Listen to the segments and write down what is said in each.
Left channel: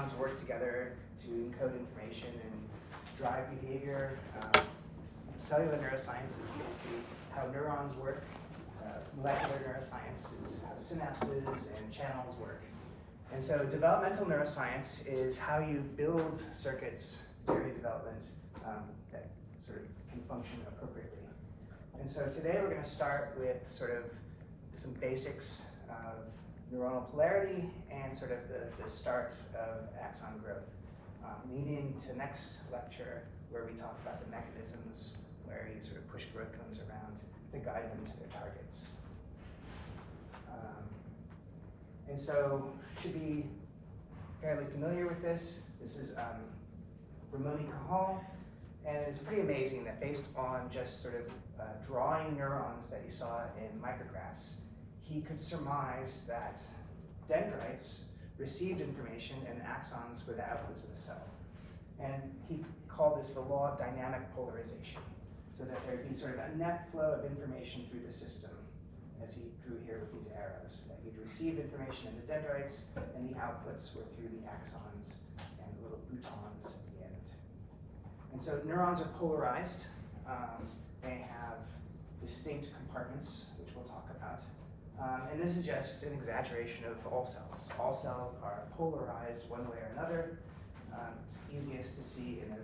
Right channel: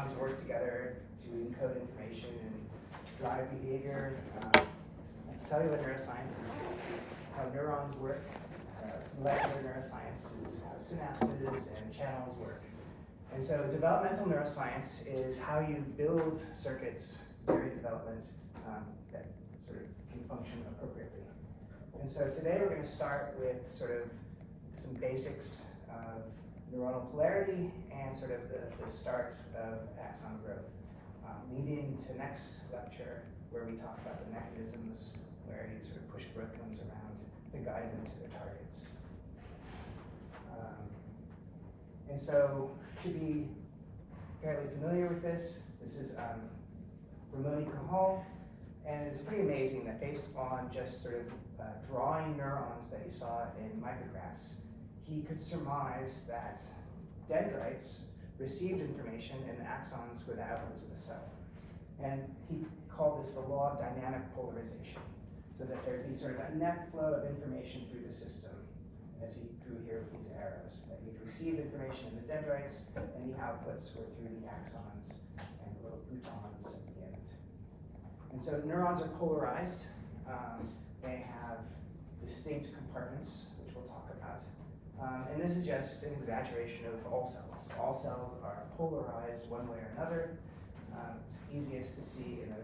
neurons work together to encode information and drive behavior. Cellular neuroscience is basically how neurons work. Molecular neuroscience is how synapses and channels work. And so developmental neuroscience is how you build circuits during development that sort of can function appropriately. And so today we're going to start with sort of some basics of neuronal polarity and sort of the start of axon growth, leading to next lecture where we talk about the mechanisms where you sort of push growth cones around to guide them to their targets. And so you should be fairly familiar with this. This is Ramon y Cajal, and it's pretty amazing that based on just sort of drawing neurons that he saw in micrographs, he could surmise that dendrites received information and axons were the outputs of the cell. And he called this the law of dynamic polarization, so that there'd be sort of a net flow of information through the system, as he drew here with these arrows. That you'd receive information in the dendrites, and the outputs were through the axons and the little boutons at the end. And so neurons are polarized. They have distinct compartments, which we'll talk about. And this is just an exaggeration of all cells. All cells are polarized one way or another. It's easiest to see in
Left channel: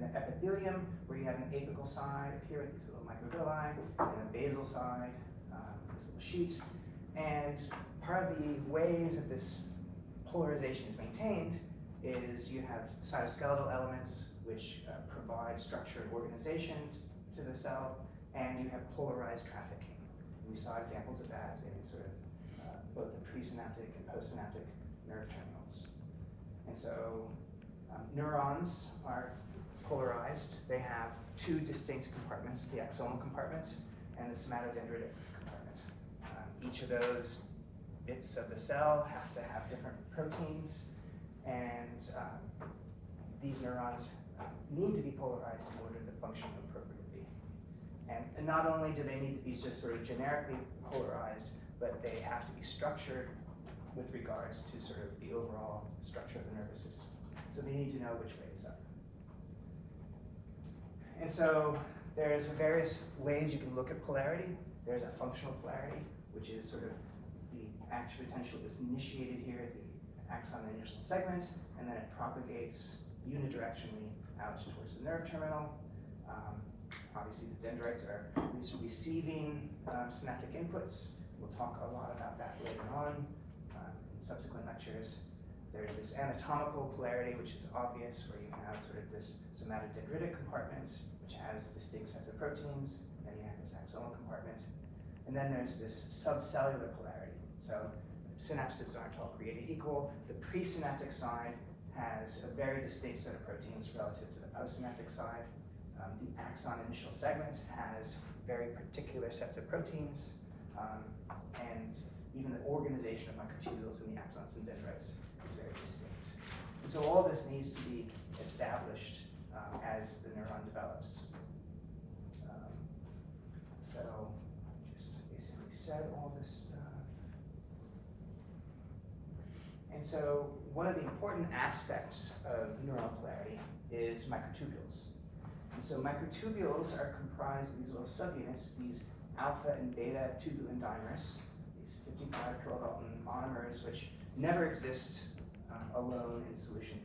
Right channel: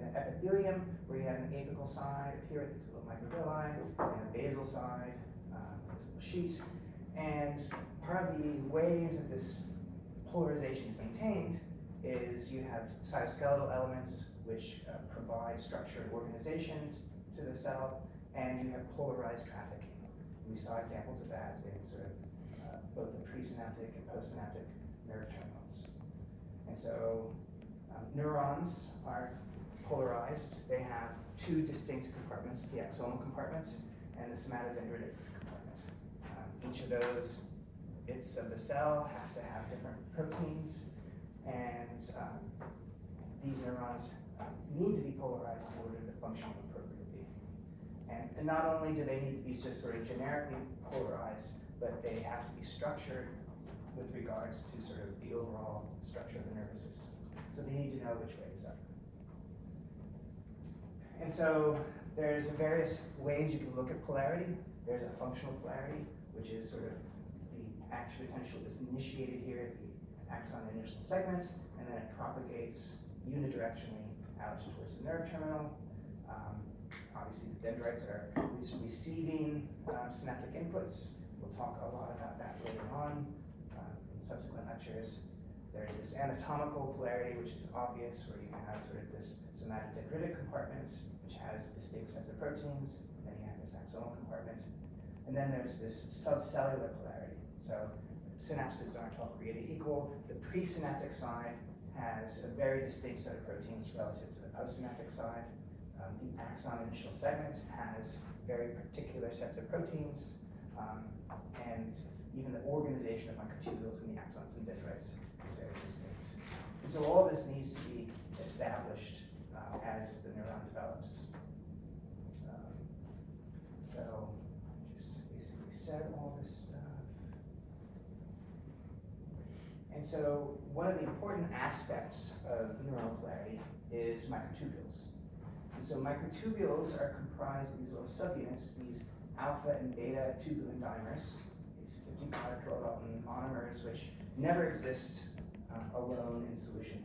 an epithelium, where you have an apical side up here with these little microvilli, and a basal side, this little sheet. And part of the ways that this polarization is maintained is you have cytoskeletal elements which provide structure and organization to the cell, and you have polarized trafficking. We saw examples of that in sort of both the presynaptic and postsynaptic nerve terminals. And so neurons are polarized. They have two distinct compartments, the axonal compartment and the somatodendritic compartment. Each of those bits of the cell have to have different proteins, and these neurons need to be polarized in order to function appropriately. And not only do they need to be just sort of generically polarized, but they have to be structured with regards to sort of the overall structure of the nervous system. So they need to know which way is up. And so there's various ways you can look at polarity. There's a functional polarity, which is sort of the action potential is initiated here at the axon initial segment, and then it propagates unidirectionally out towards the nerve terminal. Obviously, the dendrites are receiving synaptic inputs. We'll talk a lot about that later on in subsequent lectures. There's this anatomical polarity, which is obvious, where you have sort of this somatodendritic compartment, which has distinct sets of proteins, and you have this axonal compartment. And then there's this subcellular polarity. So synapses aren't all created equal. The presynaptic side has a very distinct set of proteins relative to the postsynaptic side. The axon initial segment has very particular sets of proteins, and even the organization of microtubules in the axons and dendrites is very distinct. And so all this needs to be established as the neuron develops. So just basically set all this stuff. And so one of the important aspects of neuronal polarity is microtubules. And so microtubules are comprised of these little subunits, these alpha and beta tubulin dimers, these 55 kilodalton monomers, which never exist alone in solution.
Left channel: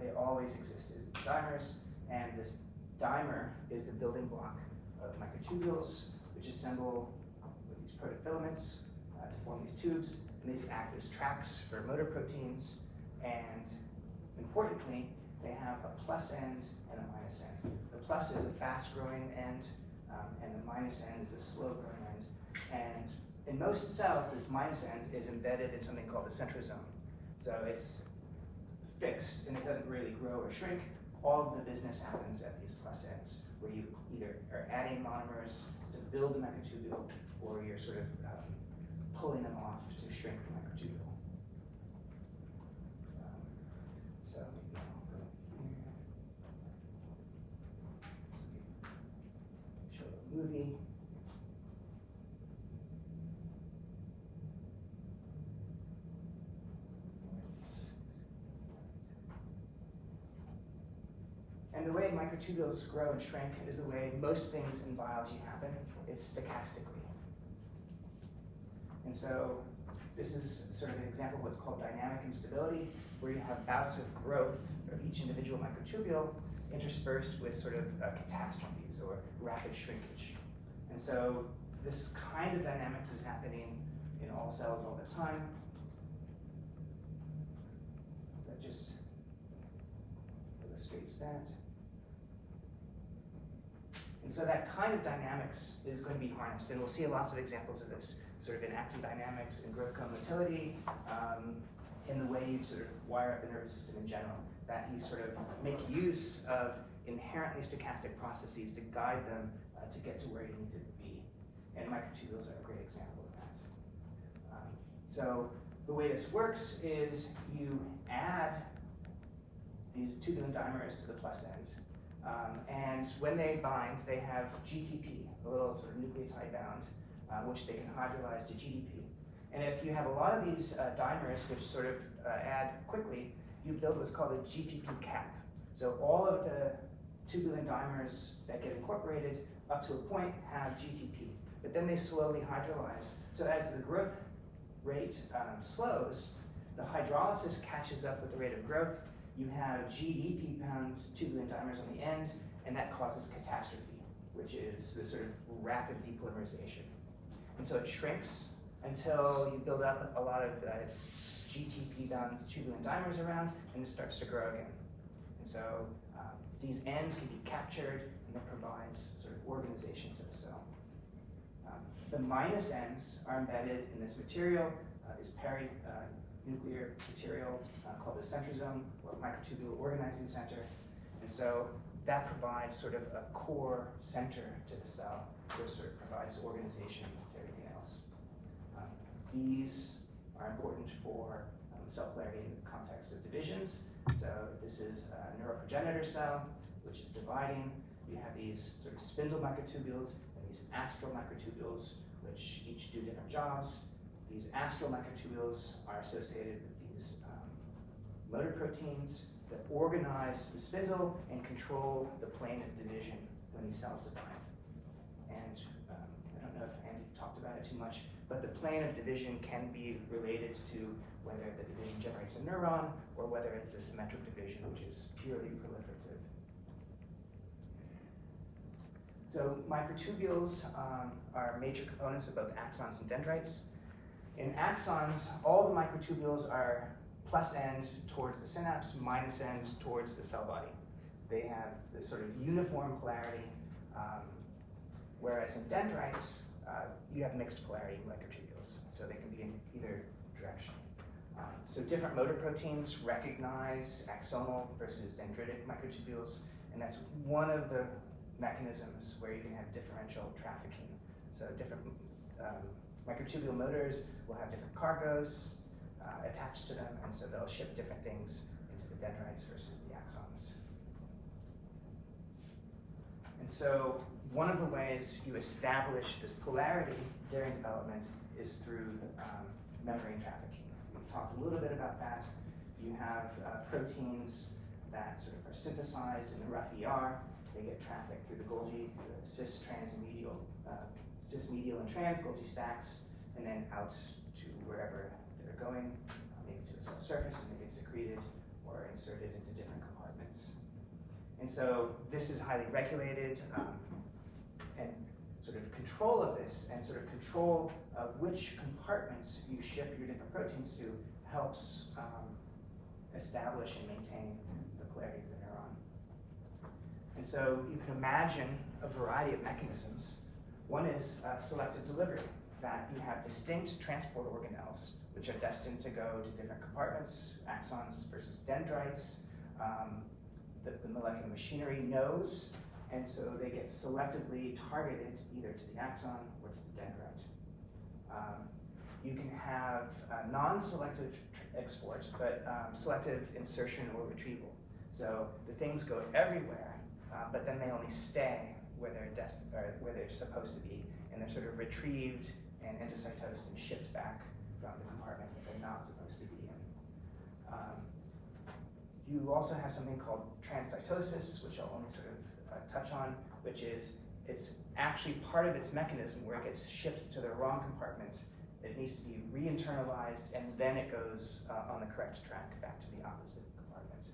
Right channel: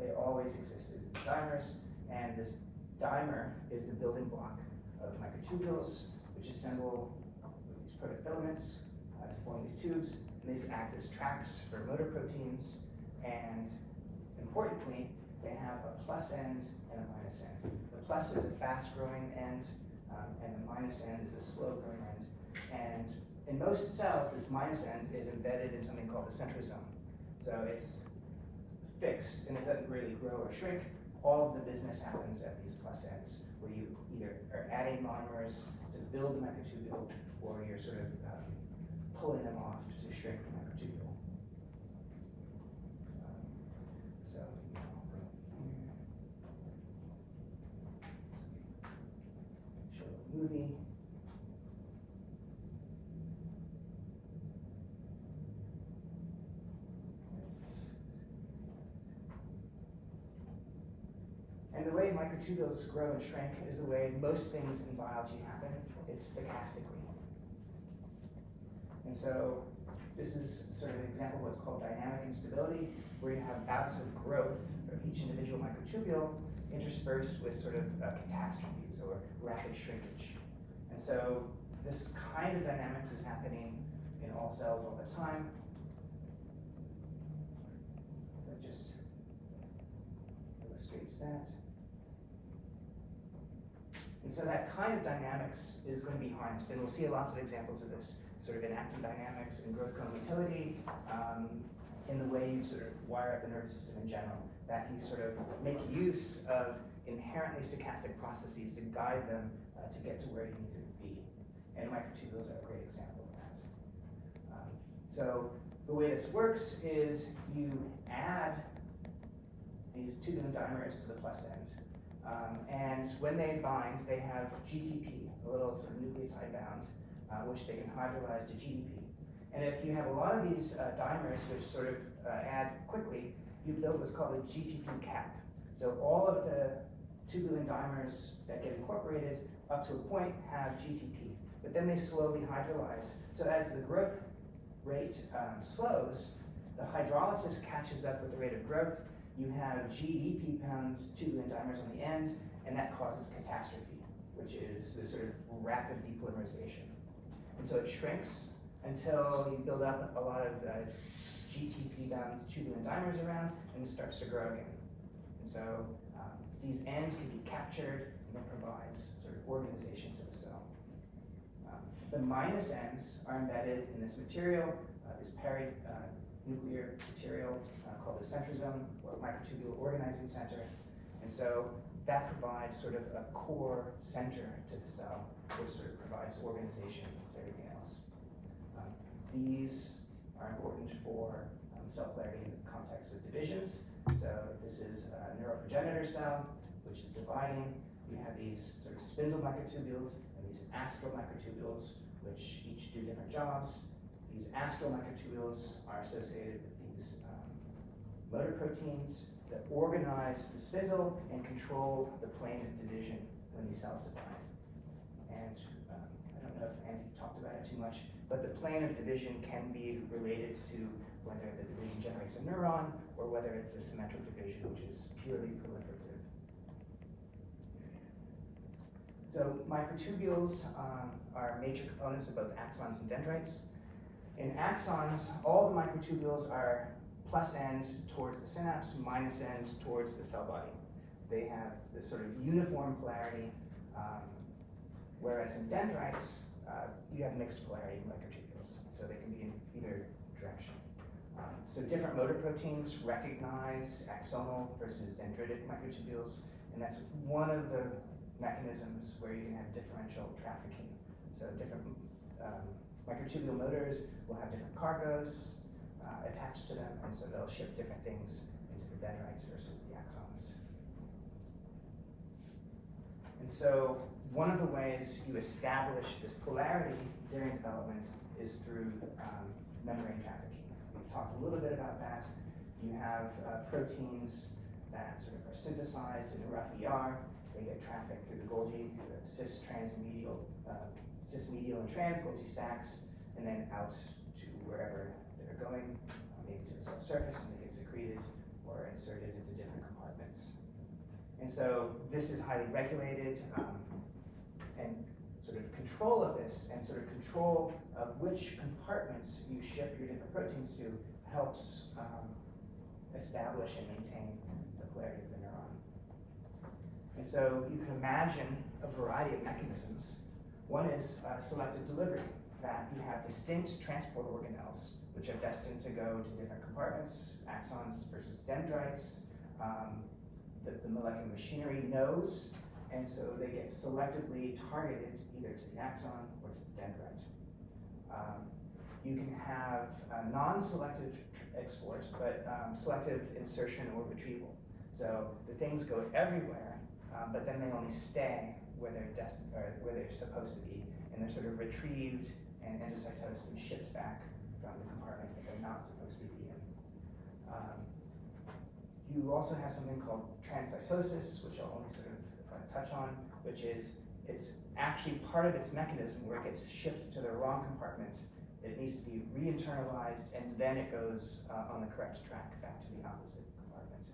They always exist as dimers, and this dimer is the building block of microtubules, which assemble with these protofilaments to form these tubes, and these act as tracks for motor proteins, and importantly, they have a plus end and a minus end. The plus is a fast-growing end, and the minus end is a slow-growing end. And in most cells, this minus end is embedded in something called the centrosome. So it's fixed, and it doesn't really grow or shrink. All of the business happens at these plus ends, where you either are adding monomers to build a microtubule, or you're sort of pulling them off to shrink the microtubule. So I'll go here. Show a movie. microtubules grow and shrink is the way most things in biology happen. It's stochastically. And so this is sort of an example of what's called dynamic instability, where you have bouts of growth of each individual microtubule interspersed with sort of catastrophes or rapid shrinkage. And so this kind of dynamics is happening in all cells all the time. That just illustrates that. And so that kind of dynamics is going to be harnessed, and we'll see lots of examples of this, sort of in active dynamics and growth cone motility, in the way you sort of wire up the nervous system in general, that you sort of make use of inherently stochastic processes to guide them to get to where you need to be. And microtubules are a great example of that. So the way this works is you add these tubulin dimers to the plus end. And when they bind, they have GTP, a little sort of nucleotide bound, which they can hydrolyze to GDP. And if you have a lot of these dimers, which sort of add quickly, you build what's called a GTP cap. So all of the tubulin dimers that get incorporated up to a point have GTP, but then they slowly hydrolyze. So as the growth rate slows, the hydrolysis catches up with the rate of growth. You have GDP bound tubulin dimers on the end, and that causes catastrophe, which is this sort of rapid depolymerization. And so it shrinks until you build up a lot of GTP bound tubulin dimers around, and it starts to grow again. And so these ends can be captured, and it provides sort of organization to the cell. The minus ends are embedded in this material, this peri-nuclear material called the centrosome, or microtubule organizing center. And so that provides sort of a core center to the cell, which sort of provides organization to everything else. These are important for cell polarity in the context of divisions. So this is a neuroprogenitor cell, which is dividing. You have these sort of spindle microtubules and these astral microtubules, which each do different jobs. These astral microtubules are associated with these motor proteins that organize the spindle and control the plane of division when these cells divide. And I don't know if Andy talked about it too much, but the plane of division can be related to whether the division generates a neuron or whether it's a symmetric division, which is purely proliferative. So microtubules are major components of both axons and dendrites. In axons, all the microtubules are plus end towards the synapse, minus end towards the cell body. They have this sort of uniform polarity, whereas in dendrites, you have mixed polarity microtubules, so they can be in either direction. So different motor proteins recognize axonal versus dendritic microtubules, and that's one of the mechanisms where you can have differential trafficking. So different microtubule motors will have different cargoes attached to them, and so they'll ship different things into the dendrites versus the axons. And so one of the ways you establish this polarity during development is through membrane trafficking. We've talked a little bit about that. You have proteins that sort of are synthesized in the rough ER. They get trafficked through the Golgi, the cis, trans, and medial, cis, medial, and trans Golgi stacks, and then out to wherever they're going, maybe to the cell surface, and they get secreted or inserted into different compartments. And so this is highly regulated, and sort of control of this and sort of control of which compartments you ship your different proteins to helps establish and maintain the polarity of the neuron. And so you can imagine a variety of mechanisms. One is selective delivery, that you have distinct transport organelles, which are destined to go to different compartments, axons versus dendrites. The molecular machinery knows, and so they get selectively targeted either to the axon or to the dendrite. You can have non-selective export, but selective insertion or retrieval. So the things go everywhere, but then they only stay where they're destined, or where they're supposed to be, and they're sort of retrieved and endocytosed and shipped back from the compartment that they're not supposed to be in. You you also have something called transcytosis, which I'll only sort of touch on, which is it's actually part of its mechanism where it gets shipped to the wrong compartment. It needs to be re-internalized, and then it goes on the correct track back to the opposite compartment.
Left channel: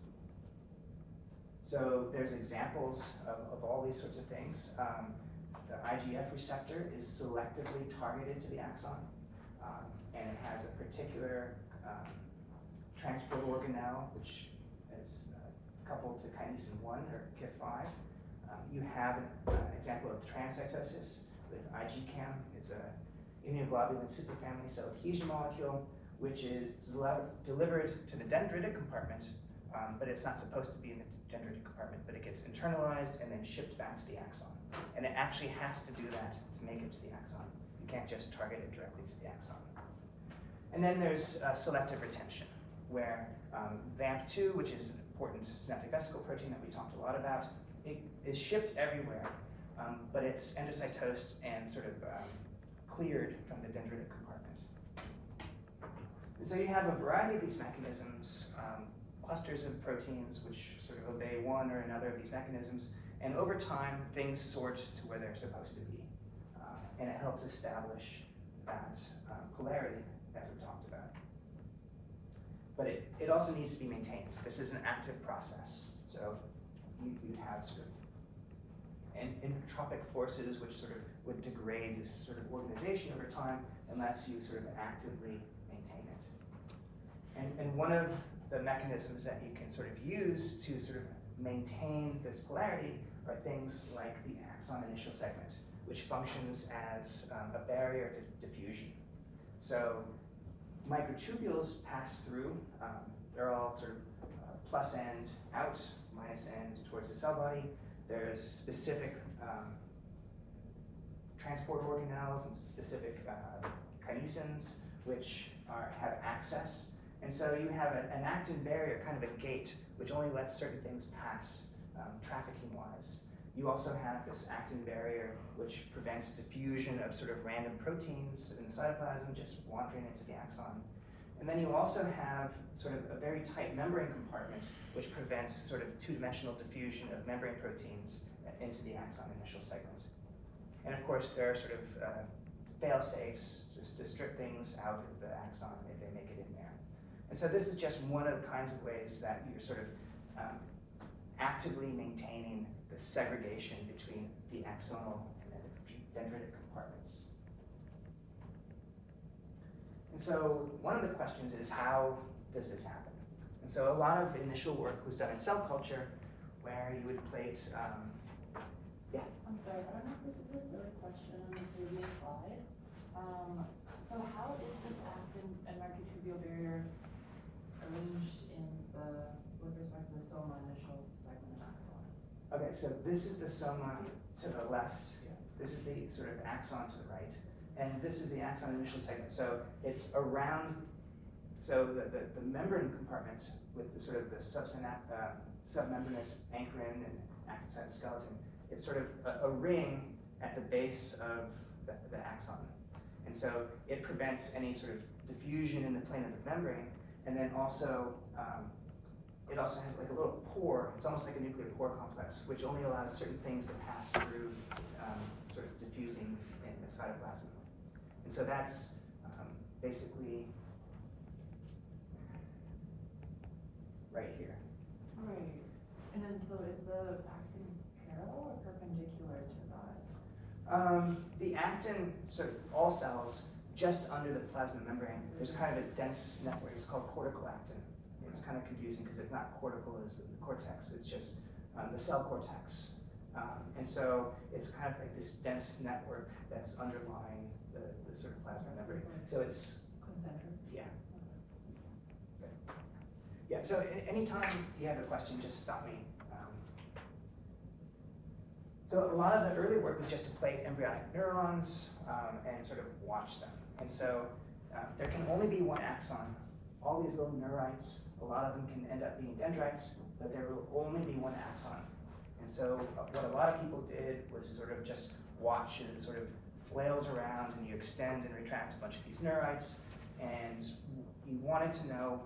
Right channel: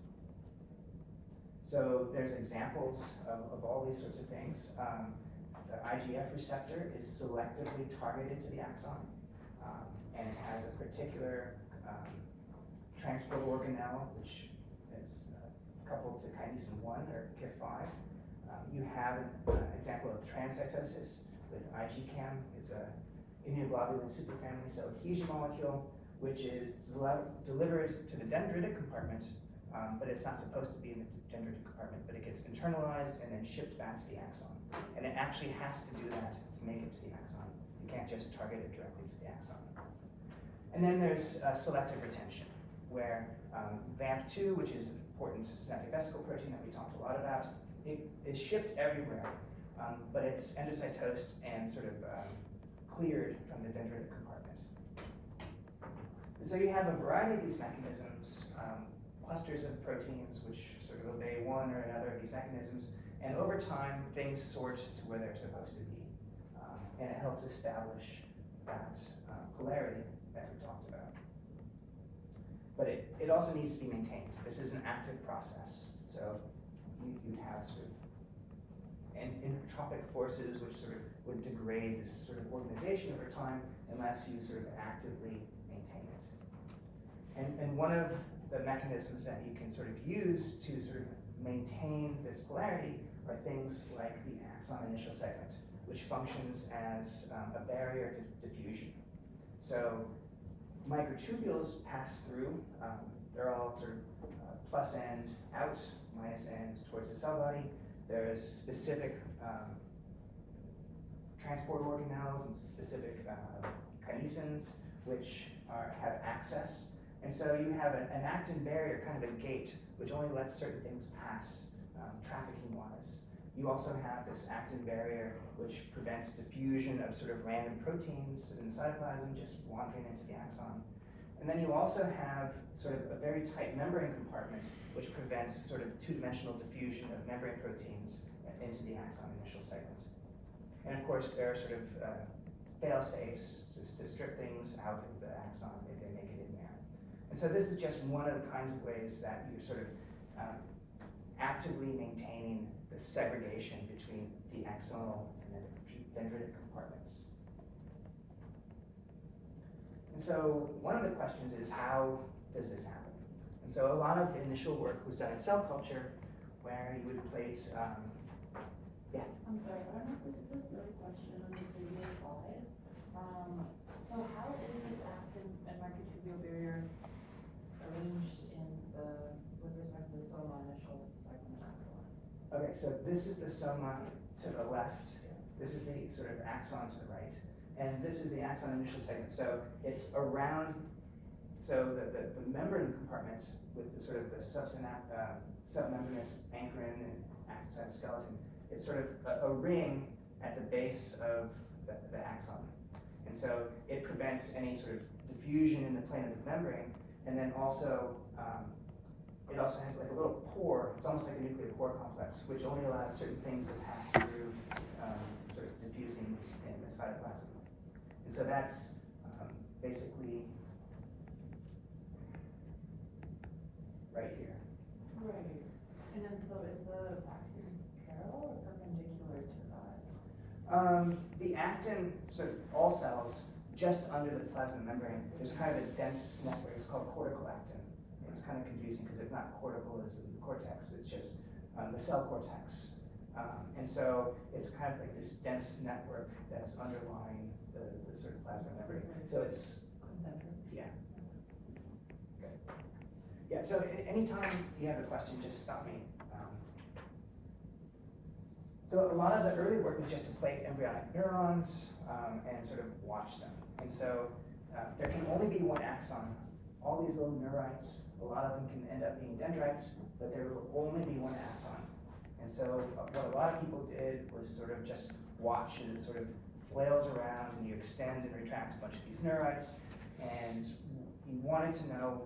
So there's examples of all these sorts of things. The IGF receptor is selectively targeted to the axon, and it has a particular transport organelle, which is coupled to kinesin 1 or KIF5. You have an example of transcytosis with IgCAM. It's a immunoglobulin superfamily cell adhesion molecule, which is delivered to the dendritic compartment, but it's not supposed to be in the dendritic compartment, but it gets internalized and then shipped back to the axon. And it actually has to do that to make it to the axon. You can't just target it directly to the axon. And then there's selective retention, where VAMP2, which is an important synaptic vesicle protein that we talked a lot about, it is shipped everywhere, but it's endocytosed and sort of cleared from the dendritic compartment. And so you have a variety of these mechanisms, clusters of proteins which sort of obey one or another of these mechanisms, and over time things sort to where they're supposed to be. And it helps establish that polarity that we talked about. But it also needs to be maintained. This is an active process. So you'd have sort of entropic forces which sort of would degrade this sort of organization over time unless you sort of actively maintain it. And one of the mechanisms that you can sort of use to sort of maintain this polarity are things like the axon initial segment, which functions as a barrier to diffusion. So microtubules pass through, they're all sort of plus end out, minus end towards the cell body. There's specific transport organelles and specific kinesins which have access. And so you have an actin barrier, kind of a gate, which only lets certain things pass trafficking-wise. You also have this actin barrier which prevents diffusion of sort of random proteins in the cytoplasm just wandering into the axon. And then you also have sort of a very tight membrane compartment which prevents sort of two-dimensional diffusion of membrane proteins into the axon initial segment. And of course there are sort of fail-safes just to strip things out of the axon if they make it in there. And so this is just one of the kinds of ways that you're sort of actively maintaining the segregation between the axonal and the dendritic compartments. And so one of the questions is, how does this happen? And so a lot of initial work was done in cell culture where you would plate, yeah? I'm sorry, I don't know if this is a silly question on the previous slide. So how is this actin and microtubule barrier arranged with respect to the soma initial segment axon? Okay, so this is the soma to the left. This is the sort of axon to the right. And this is the axon initial segment. So it's around, so the membrane compartment with the sort of the submembranous ankyrin and actin cytoskeleton, it's sort of a ring at the base of the axon. And so it prevents any sort of diffusion in the plane of the membrane, and then also, it also has like a little pore, it's almost like a nuclear pore complex, which only allows certain things to pass through sort of diffusing in the cytoplasm. And so that's basically right here. Right. And then so is the actin parallel or perpendicular to that? The actin, so all cells, just under the plasma membrane, there's kind of a dense network, it's called cortical actin. It's kind of confusing because it's not cortical as in the cortex, it's just the cell cortex. And so it's kind of like this dense network that's underlying the sort of plasma membrane. So it's Concentric. yeah. Good. Yeah, so anytime you have a question, just stop me. So a lot of the early work was just to plate embryonic neurons and sort of watch them. And so there can only be one axon. All these little neurites, a lot of them can end up being dendrites, but there will only be one axon. And so what a lot of people did was sort of just watch as it sort of flails around and you extend and retract a bunch of these neurites, and you wanted to know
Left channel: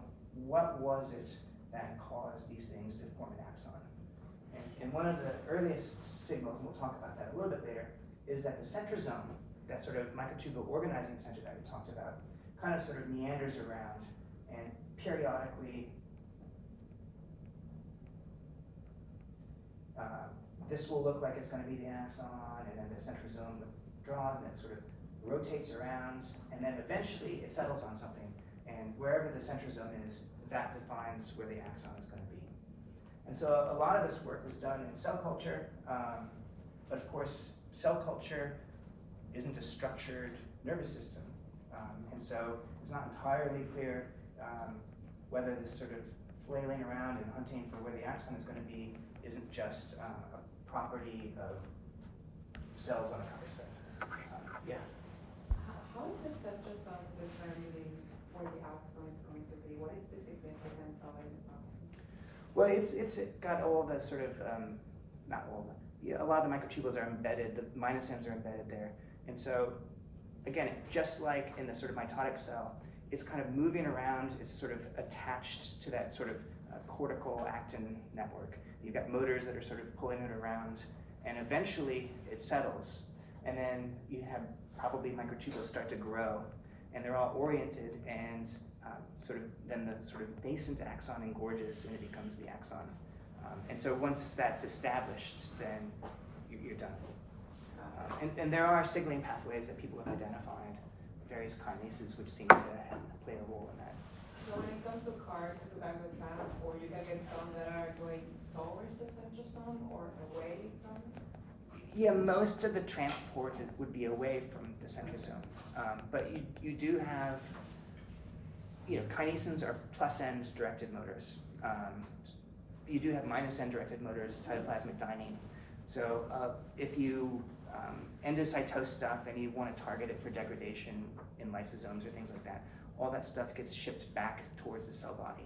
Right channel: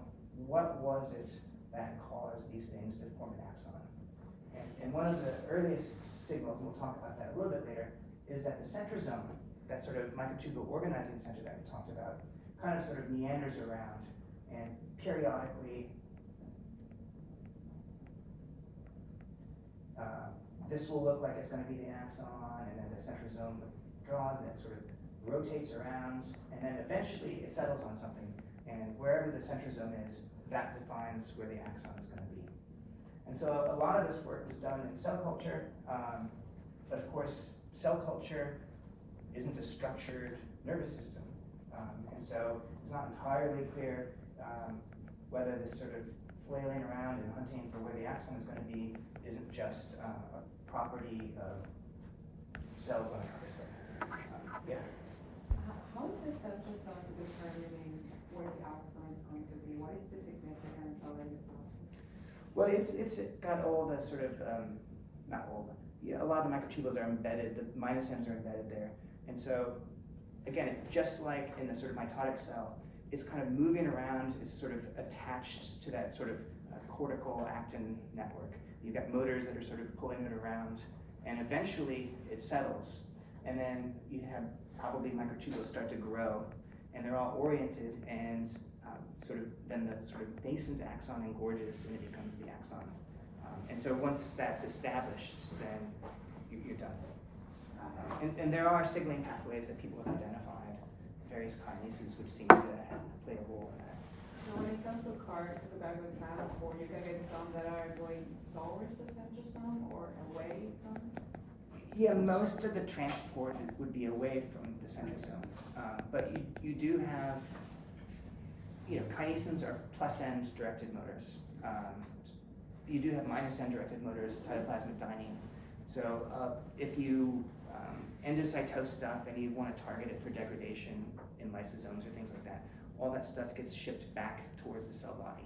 what was it that cause these things to form an axon. And one of the earliest signals, and we'll talk about that a little bit later, is that the centrosome, that sort of microtubule organizing center that we talked about, kind of sort of meanders around and periodically this will look like it's going to be the axon, and then the centrosome withdraws and it sort of rotates around, and then eventually it settles on something, and wherever the centrosome is, that defines where the axon is going to be. And so a lot of this work was done in cell culture, but of course cell culture isn't a structured nervous system, and so it's not entirely clear whether this sort of flailing around and hunting for where the axon is going to be isn't just a property of cells on a nervous cell. Yeah. How is the centrosome determining where the axon is going to be? What is the significance of it? Well, it's got all the sort of, not all, a lot of the microtubules are embedded, the minus ends are embedded there. And so, again, just like in the sort of mitotic cell, it's kind of moving around, it's sort of attached to that sort of cortical actin network. You've got motors that are sort of pulling it around, and eventually it settles. And then you have probably microtubules start to grow, and they're all oriented, and sort of then the sort of nascent axon engorges, and it becomes the axon. And so once that's established, then you're done. And there are signaling pathways that people have identified, various kinases which seem to play a role in that. So when it comes to cargo transport, you can get some that are going towards the centrosome or away from it? Yeah, most of the transport would be away from the centrosome, but you do have, kinesins are plus end directed motors. You do have minus end directed motors, cytoplasmic dynein. So if you endocytose stuff and you want to target it for degradation in lysosomes or things like that, all that stuff gets shipped back towards the cell body.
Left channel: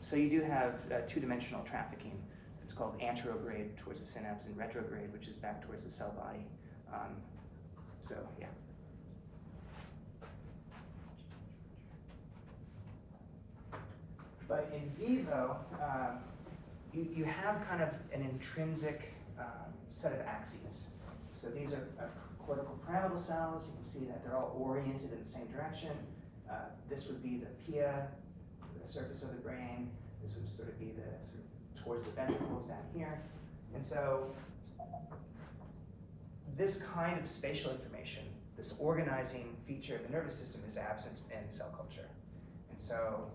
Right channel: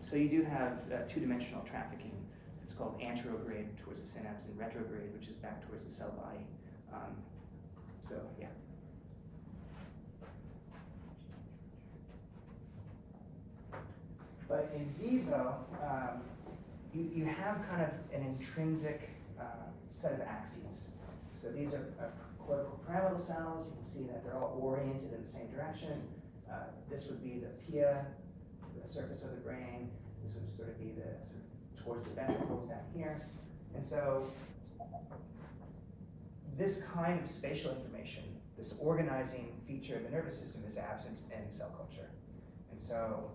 So you do have two-dimensional trafficking. It's called anterograde towards the synapse and retrograde, which is back towards the cell body. So yeah. But in vivo, you have kind of an intrinsic set of axes. So these are cortical pyramidal cells. You can see that they're all oriented in the same direction. This would be the pia, the surface of the brain. This would sort of be the towards the ventricles down here. And so this kind of spatial information, this organizing feature of the nervous system, is absent in cell culture. And so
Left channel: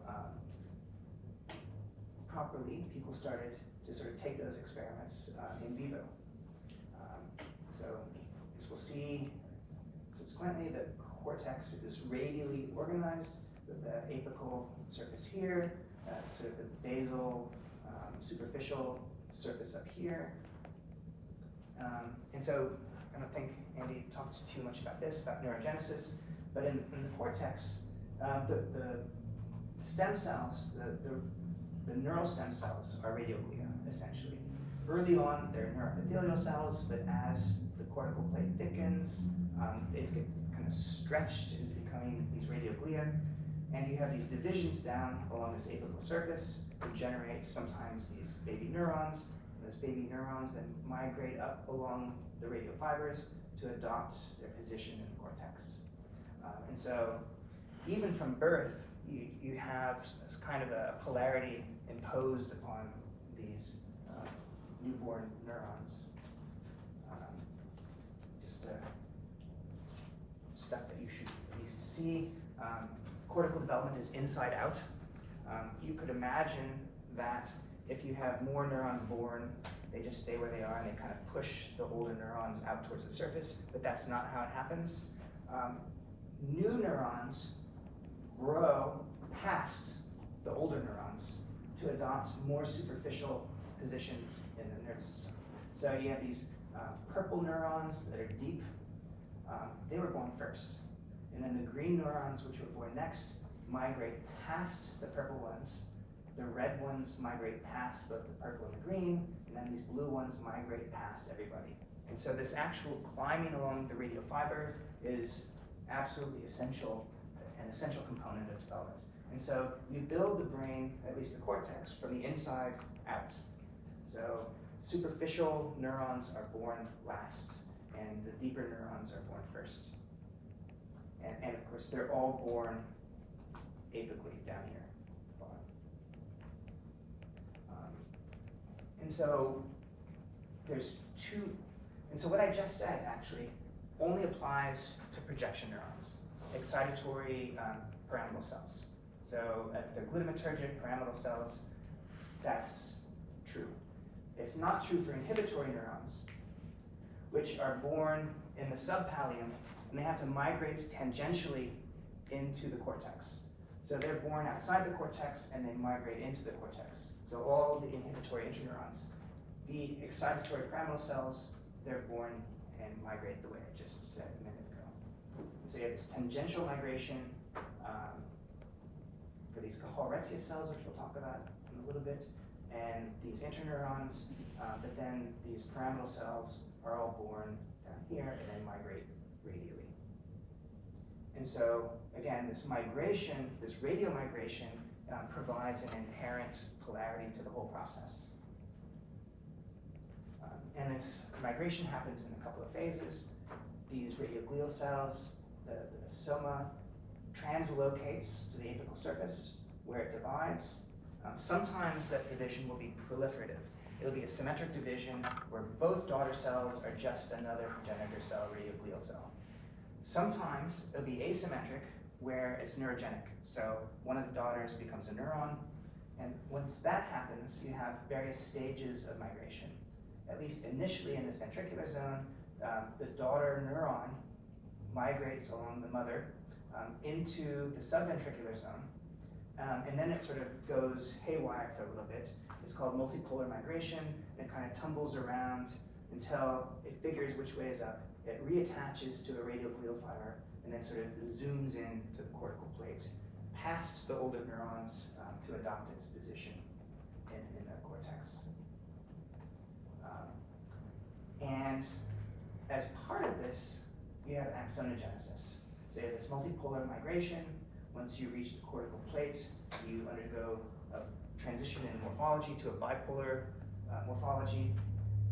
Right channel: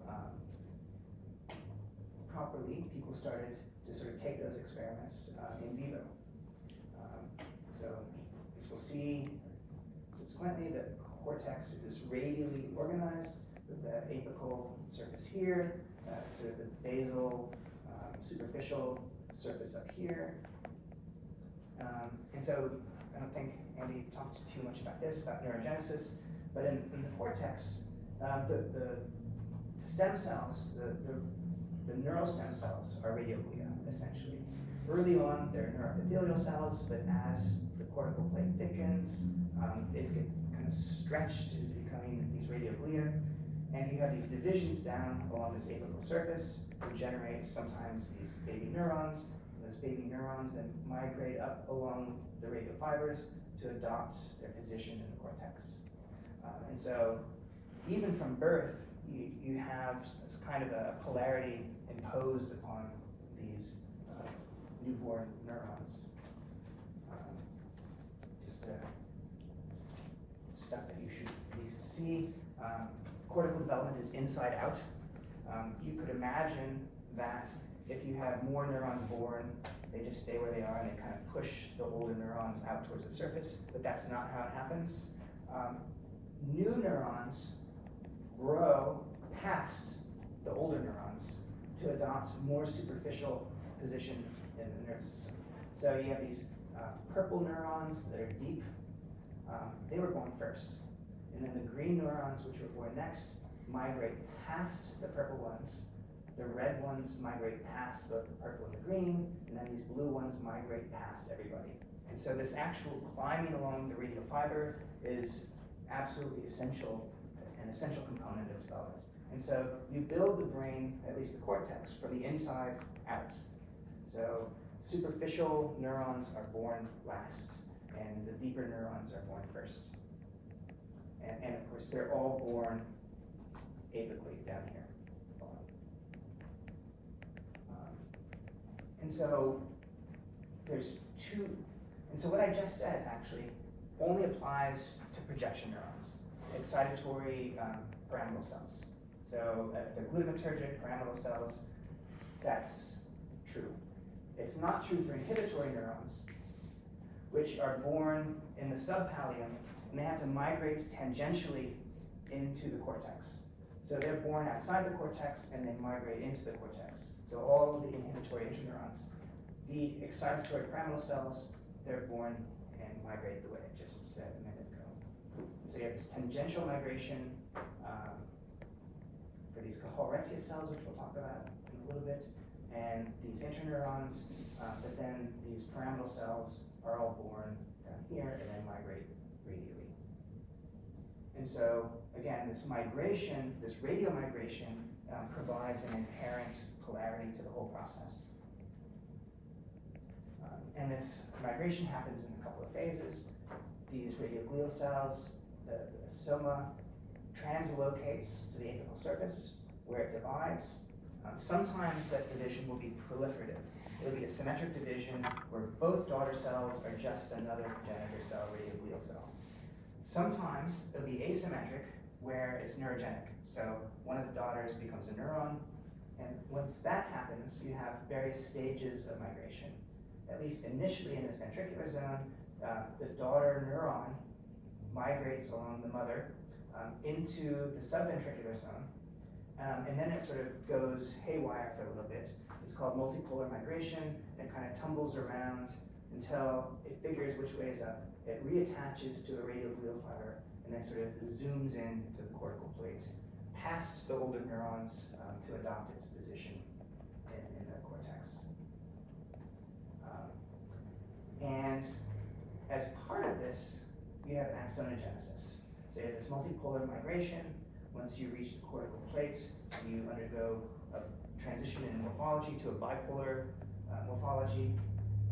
properly, people started to sort of take those experiments in vivo. So as we'll see subsequently, the cortex is radially organized with the apical surface here, sort of the basal superficial surface up here. And so I don't think Andy talked too much about this, about neurogenesis, but in the cortex, the stem cells, the neural stem cells are radioglia, essentially. Early on, they're neuroepithelial cells, but as the cortical plate thickens, they get kind of stretched into becoming these radioglia, and you have these divisions down along this apical surface that generate sometimes these baby neurons. Those baby neurons then migrate up along the radial fibers to adopt their position in the cortex. And so even from birth, you have this kind of a polarity imposed upon these newborn neurons. Just stuff that you should at least see. Cortical development is inside out. You could imagine that if you have more neurons born, they just stay where they are and they kind of push the older neurons out towards the surface, but that's not how it happens. New neurons grow past the older neurons to adopt more superficial positions in the nervous system. So you have these purple neurons that are deep. They were born first. And then the green neurons, which were born next, migrate past the purple ones. The red ones migrate past both the purple and the green, and then these blue ones migrate past everybody. And so this actual climbing along the radial fiber is absolutely essential, an essential component of development. And And so you build the brain, at least the cortex, from the inside out. So superficial neurons are born last, and the deeper neurons are born first. And of course, they're all born apically down here. And so there's two, and so what I just said actually only applies to projection neurons, excitatory pyramidal cells. So if they're glutamatergic pyramidal cells, that's true. It's not true for inhibitory neurons, which are born in the subpallium, and they have to migrate tangentially into the cortex. So they're born outside the cortex and they migrate into the cortex. So all the inhibitory interneurons. The excitatory pyramidal cells, they're born and migrate the way I just said a minute ago. So you have this tangential migration for these Cajal-Retzius cells, which we'll talk about in a little bit, and these interneurons, but then these pyramidal cells are all born down here and then migrate radially. And so, again, this migration, this radial migration, provides an inherent polarity to the whole process. And this migration happens in a couple of phases. These radioglial cells, the soma translocates to the apical surface where it divides. Sometimes that division will be proliferative. It'll be a symmetric division where both daughter cells are just another progenitor cell, radioglial cell. Sometimes it'll be asymmetric where it's neurogenic. So one of the daughters becomes a neuron, and once that happens, you have various stages of migration. At least initially in this ventricular zone, the daughter neuron migrates along the mother into the subventricular zone, and then it sort of goes haywire for a little bit. It's called multipolar migration, and it kind of tumbles around until it figures which way is up. It reattaches to a radioglial fiber, and then sort of zooms in to the cortical plate, past the older neurons to adopt its position in the cortex. And as part of this, you have axonogenesis. So you have this multipolar migration. Once you reach the cortical plate, you undergo a transition in morphology to a bipolar morphology.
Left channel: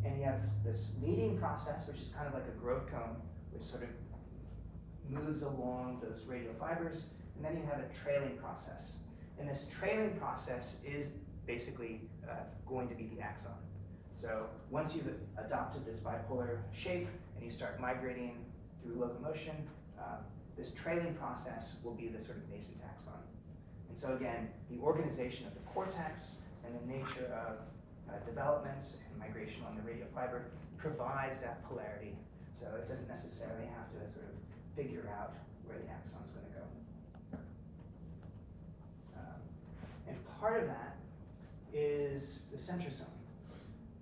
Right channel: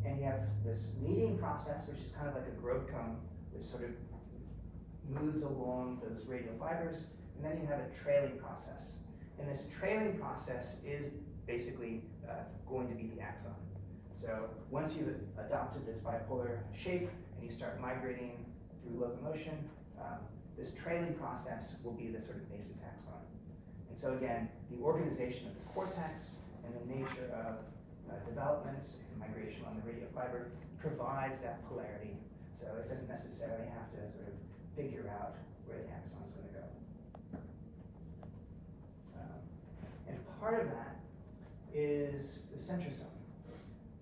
And you have this leading process, which is kind of like a growth cone, which sort of moves along those radial fibers. And then you have a trailing process. And this trailing process is basically going to be the axon. So once you've adopted this bipolar shape and you start migrating through locomotion, this trailing process will be the sort of basic axon. And so again, the organization of the cortex and the nature of development and migration on the radial fiber provides that polarity. So it doesn't necessarily have to sort of figure out where the axon is going to go. And part of that is the centrosome.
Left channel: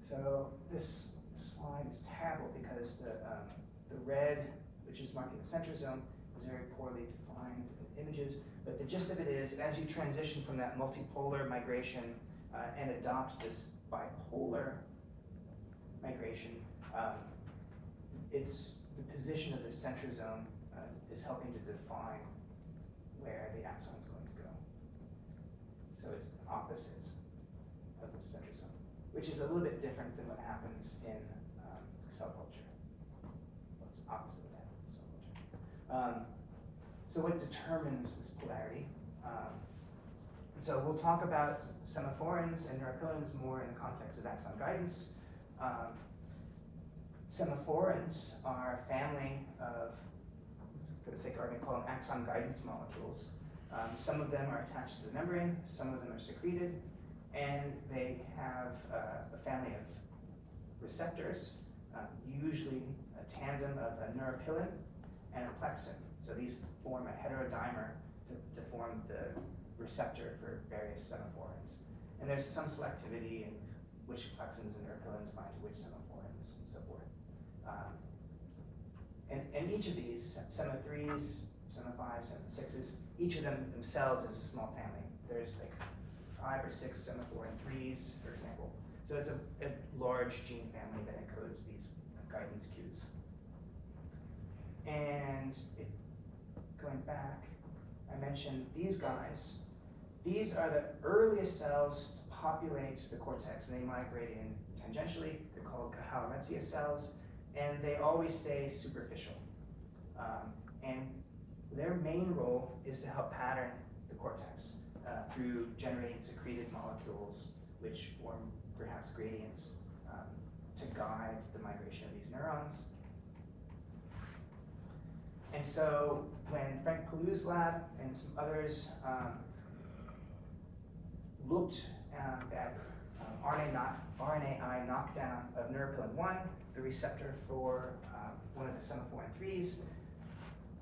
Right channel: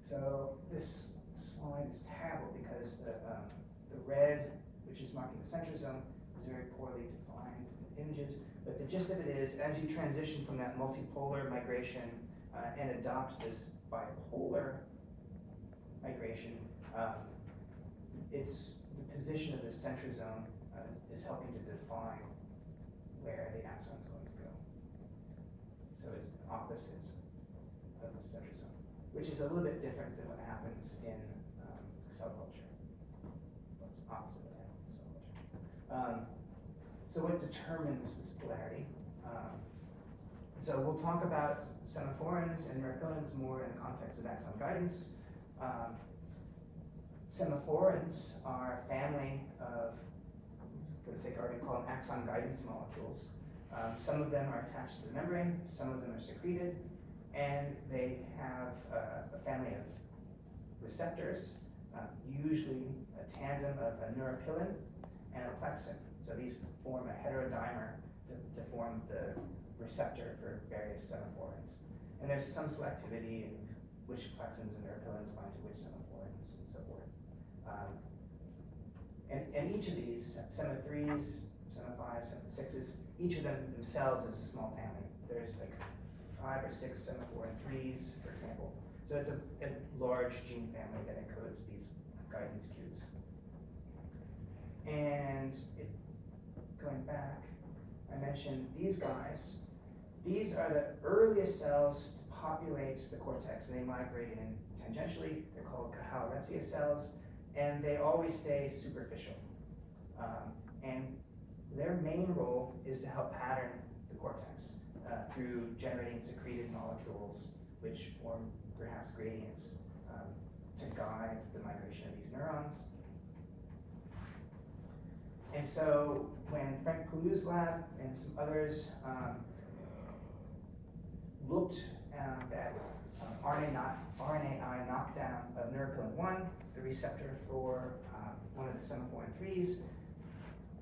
So this slide is terrible because the red, which is marking the centrosome, is very poorly defined in images. But the gist of it is, as you transition from that multipolar migration and adopt this bipolar migration, it's the position of the centrosome is helping to define where the axon is going to go. So it's the opposite of the centrosome, which is a little bit different than what happens in cell culture. Well, it's opposite of what happens in cell culture. So what determines this polarity? So we'll talk about semaphorins and neuropilins more in the context of axon guidance. Semaphorins are a family of, for the sake of argument, call them axon guidance molecules. Some of them are attached to the membrane, some of them are secreted, and they have a family of receptors, usually a tandem of a neuropilin and a plexin. So these form a heterodimer to form the receptor for various semaphorins. And there's some selectivity in which plexins and neuropilins bind to which semaphorins and so forth. And each of these, SEMA3s, SEMA5s, SEMA6s, each of them themselves is a small family. There's like 5 or 6 semaphorin 3s, for example. So it's a large gene family that encodes these guidance cues. And going back, I mentioned these guys. these are the earliest cells to populate the cortex, and they migrate in tangentially. They're called Cajal-Retzia cells, and they always stay superficial. And their main role is to help pattern the cortex through generating secreted molecules, which form perhaps gradients to guide the migration of these neurons. And so when Frank Pallou's lab and some others looked at RNAi knockdown of neuropilin-1, the receptor for one of the semaphorin 3s,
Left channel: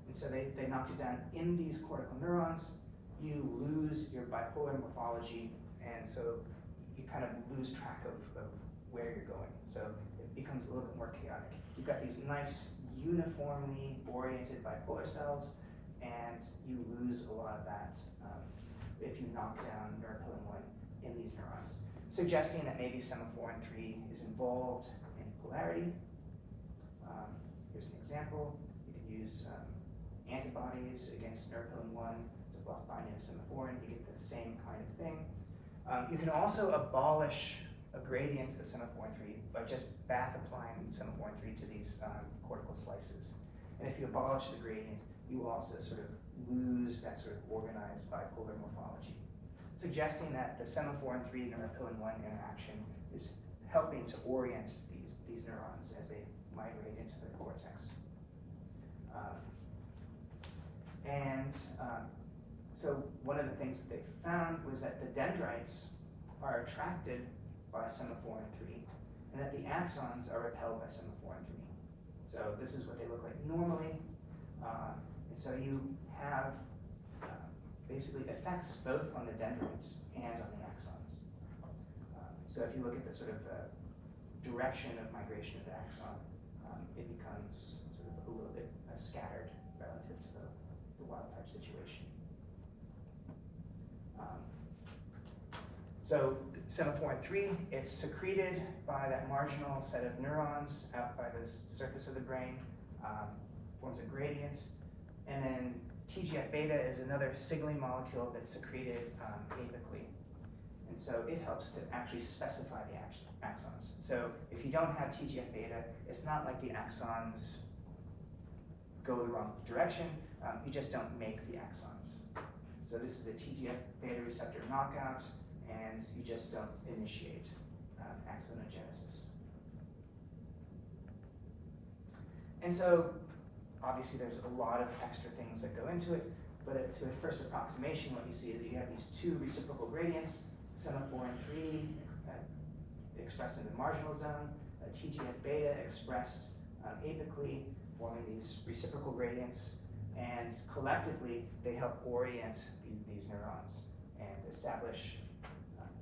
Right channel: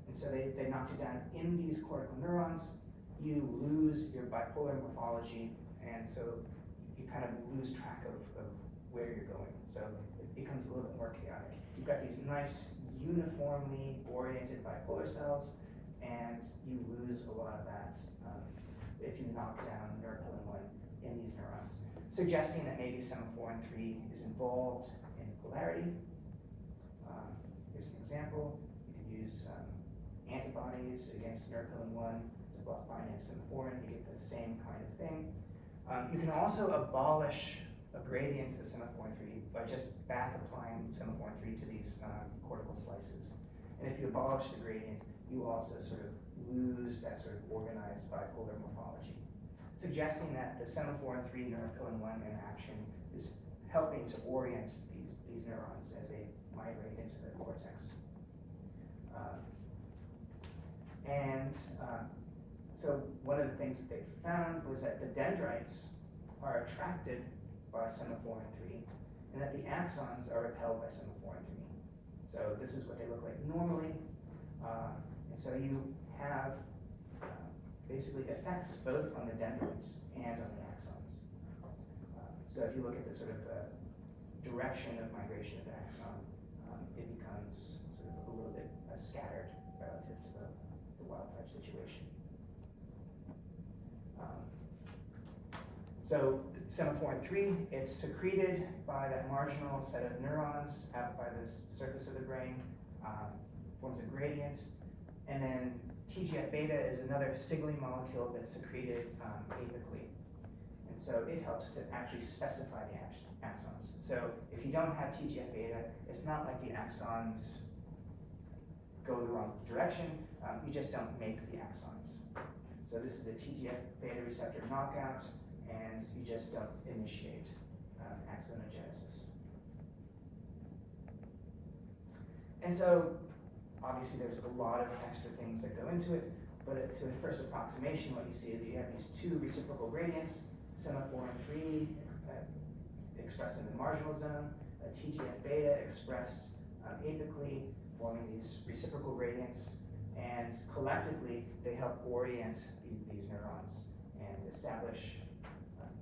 and so they knocked it down in these cortical neurons, you lose your bipolar morphology, and so you kind of lose track of where you're going. So it becomes a little bit more chaotic. You've got these nice uniformly oriented bipolar cells, and you lose a lot of that if you knock down neuropilin-1 in these neurons, suggesting that maybe semaphorin 3 is involved in polarity. Here's an example. You could use antibodies against neuropilin-1 to block binding to semaphorin. You get the same kind of thing. You can also abolish a gradient to semaphorin 3 by just bath applying semaphorin 3 to these cortical slices. And if you abolish the gradient, you will also sort of lose that sort of organized bipolar morphology, suggesting that the semaphorin 3 neuropilin-1 interaction is helping to orient these neurons as they migrate into the cortex. So one of the things that they found was that the dendrites are attracted by semaphorin 3, and that the axons are repelled by semaphorin 3. So this is what they look like normally. And so you have basically effects both on the dendrites and on the axons. So if you look at the sort of direction of migration of the axon, it becomes sort of a little bit scattered relative to the wild type situation. So semaphorin 3, it's secreted by that marginal set of neurons out by the surface of the brain, forms a gradient, and then TGF-beta is another signaling molecule that's secreted apically. And so it helps to actually specify the axons. So if you don't have TGF-beta, it's not like the axons go the wrong direction, you just don't make the axons. So this is a TGF-beta receptor knockout, and you just don't initiate axonogenesis. And so obviously there's a lot of extra things that go into it, but to a first approximation, what you see is you have these two reciprocal gradients, semaphorin 3 expressed in the marginal zone, TGF-beta expressed apically, forming these reciprocal gradients, and collectively they help orient these neurons and establish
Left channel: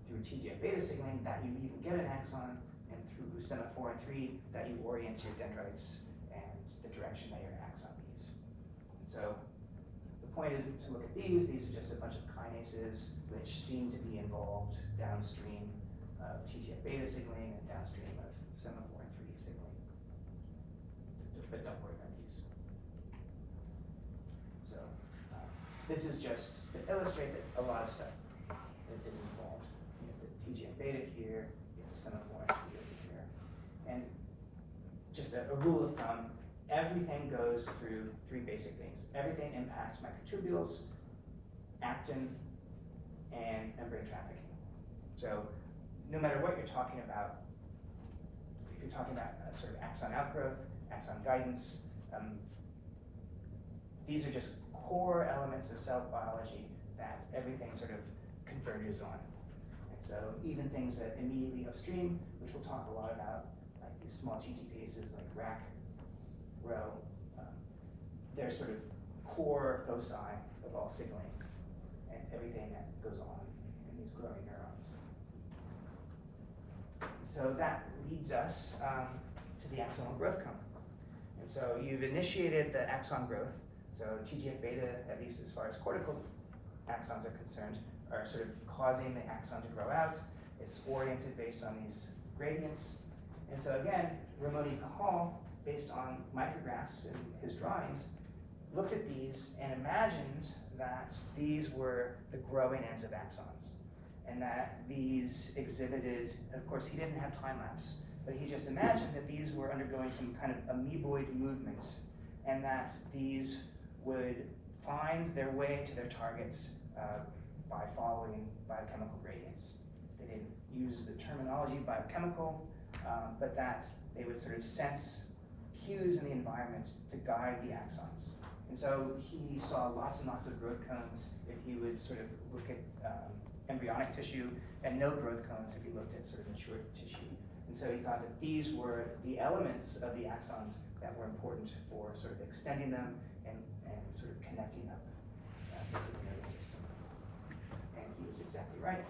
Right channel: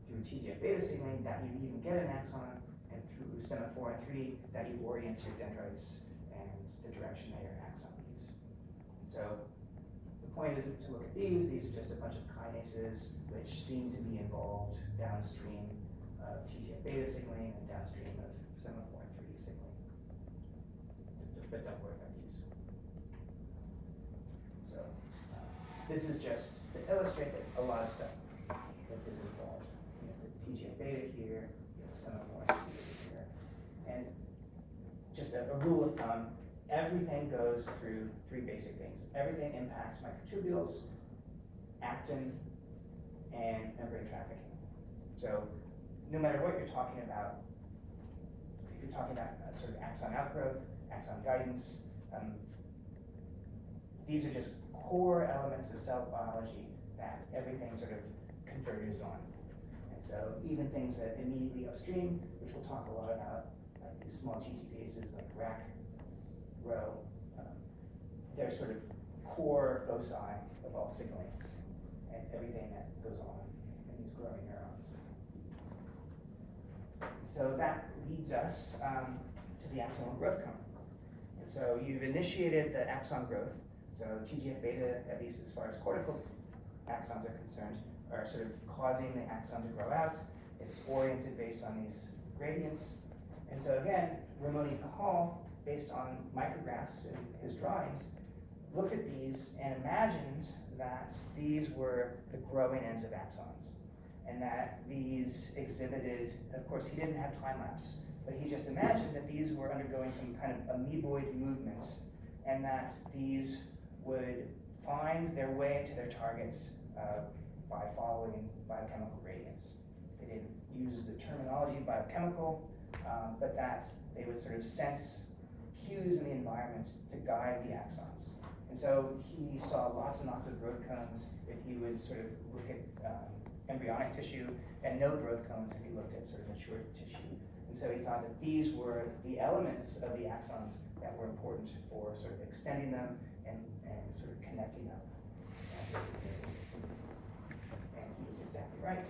through TGF-beta signaling that you even get an axon, and through semaphorin 3 that you orient your dendrites and the direction that your axon leads. So the point isn't to look at these are just a bunch of kinases which seem to be involved downstream of TGF-beta signaling and downstream of semaphorin 3 signaling. But don't worry about these. So this is just to illustrate that a lot of stuff is involved. You have the TGF-beta here, you have the semaphorin 3 here. And just a rule of thumb, everything goes through three basic things. Everything impacts microtubules, actin, and membrane trafficking. So no matter what you're talking about, if you're talking about sort of axon outgrowth, axon guidance, these are just core elements of cell biology that everything sort of converges on. And so even things that immediately upstream, which we'll talk a lot about, like these small GTPases like RAC, Rho, they're sort of core foci of all signaling and everything that goes on in these growing neurons. So that leads us to the axonal growth cone. And so you've initiated the axon growth. So TGF-beta, at least as far as cortical axons are concerned, are sort of causing the axon to grow out. It's oriented based on these gradients. And so again, Ramon Cajal, based on micrographs in his drawings, looked at these and imagined that these were the growing ends of axons, and that these exhibited, of course he didn't have time lapse, but he just imagined that these were undergoing some kind of amoeboid movement, and that these would find their way to their targets by following biochemical gradients. They didn't use the terminology biochemical, but that they would sort of sense cues in the environment to guide the axons. And so he saw lots and lots of growth cones if he would sort of look at embryonic tissue, and no growth cones if he looked at sort of mature tissue. And so he thought that these were the elements of the axons that were important for sort of extending them and sort of connecting them as a nervous system. And he was exactly right.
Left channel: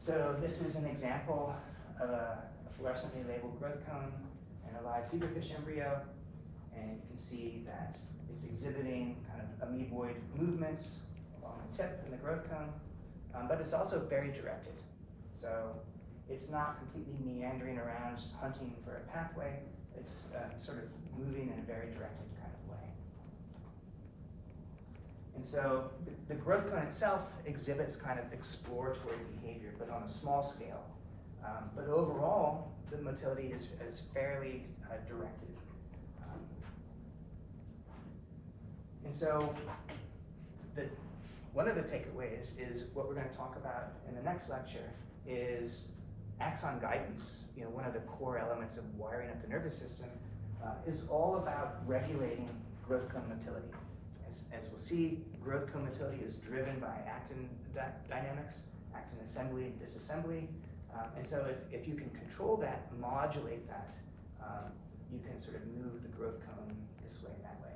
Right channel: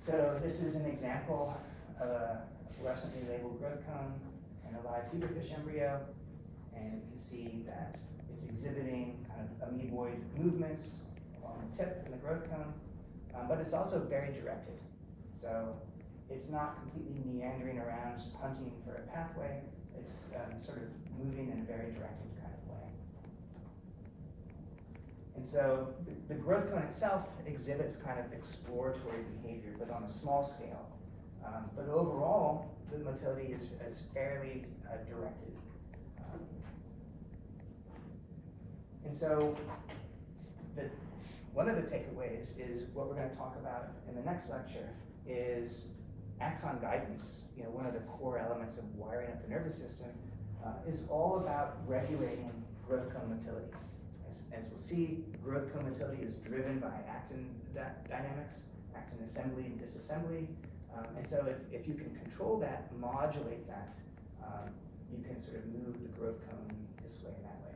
So this is an example of a fluorescently labeled growth cone and a live zebrafish embryo. And you can see that it's exhibiting kind of amoeboid movements on the tip of the growth cone, but it's also very directed. So it's not completely meandering around, just hunting for a pathway. It's sort of moving in a very directed kind of way. And so the growth cone itself exhibits kind of exploratory behavior, but on a small scale. But overall, the motility is fairly directed. And so one of the takeaways is what we're going to talk about in the next lecture is axon guidance. You know, one of the core elements of wiring up the nervous system is all about regulating growth cone motility. As we'll see, growth cone motility is driven by actin dynamics, actin assembly and disassembly. And so if you can control that, modulate that, you can sort of move the growth cone this way and that way.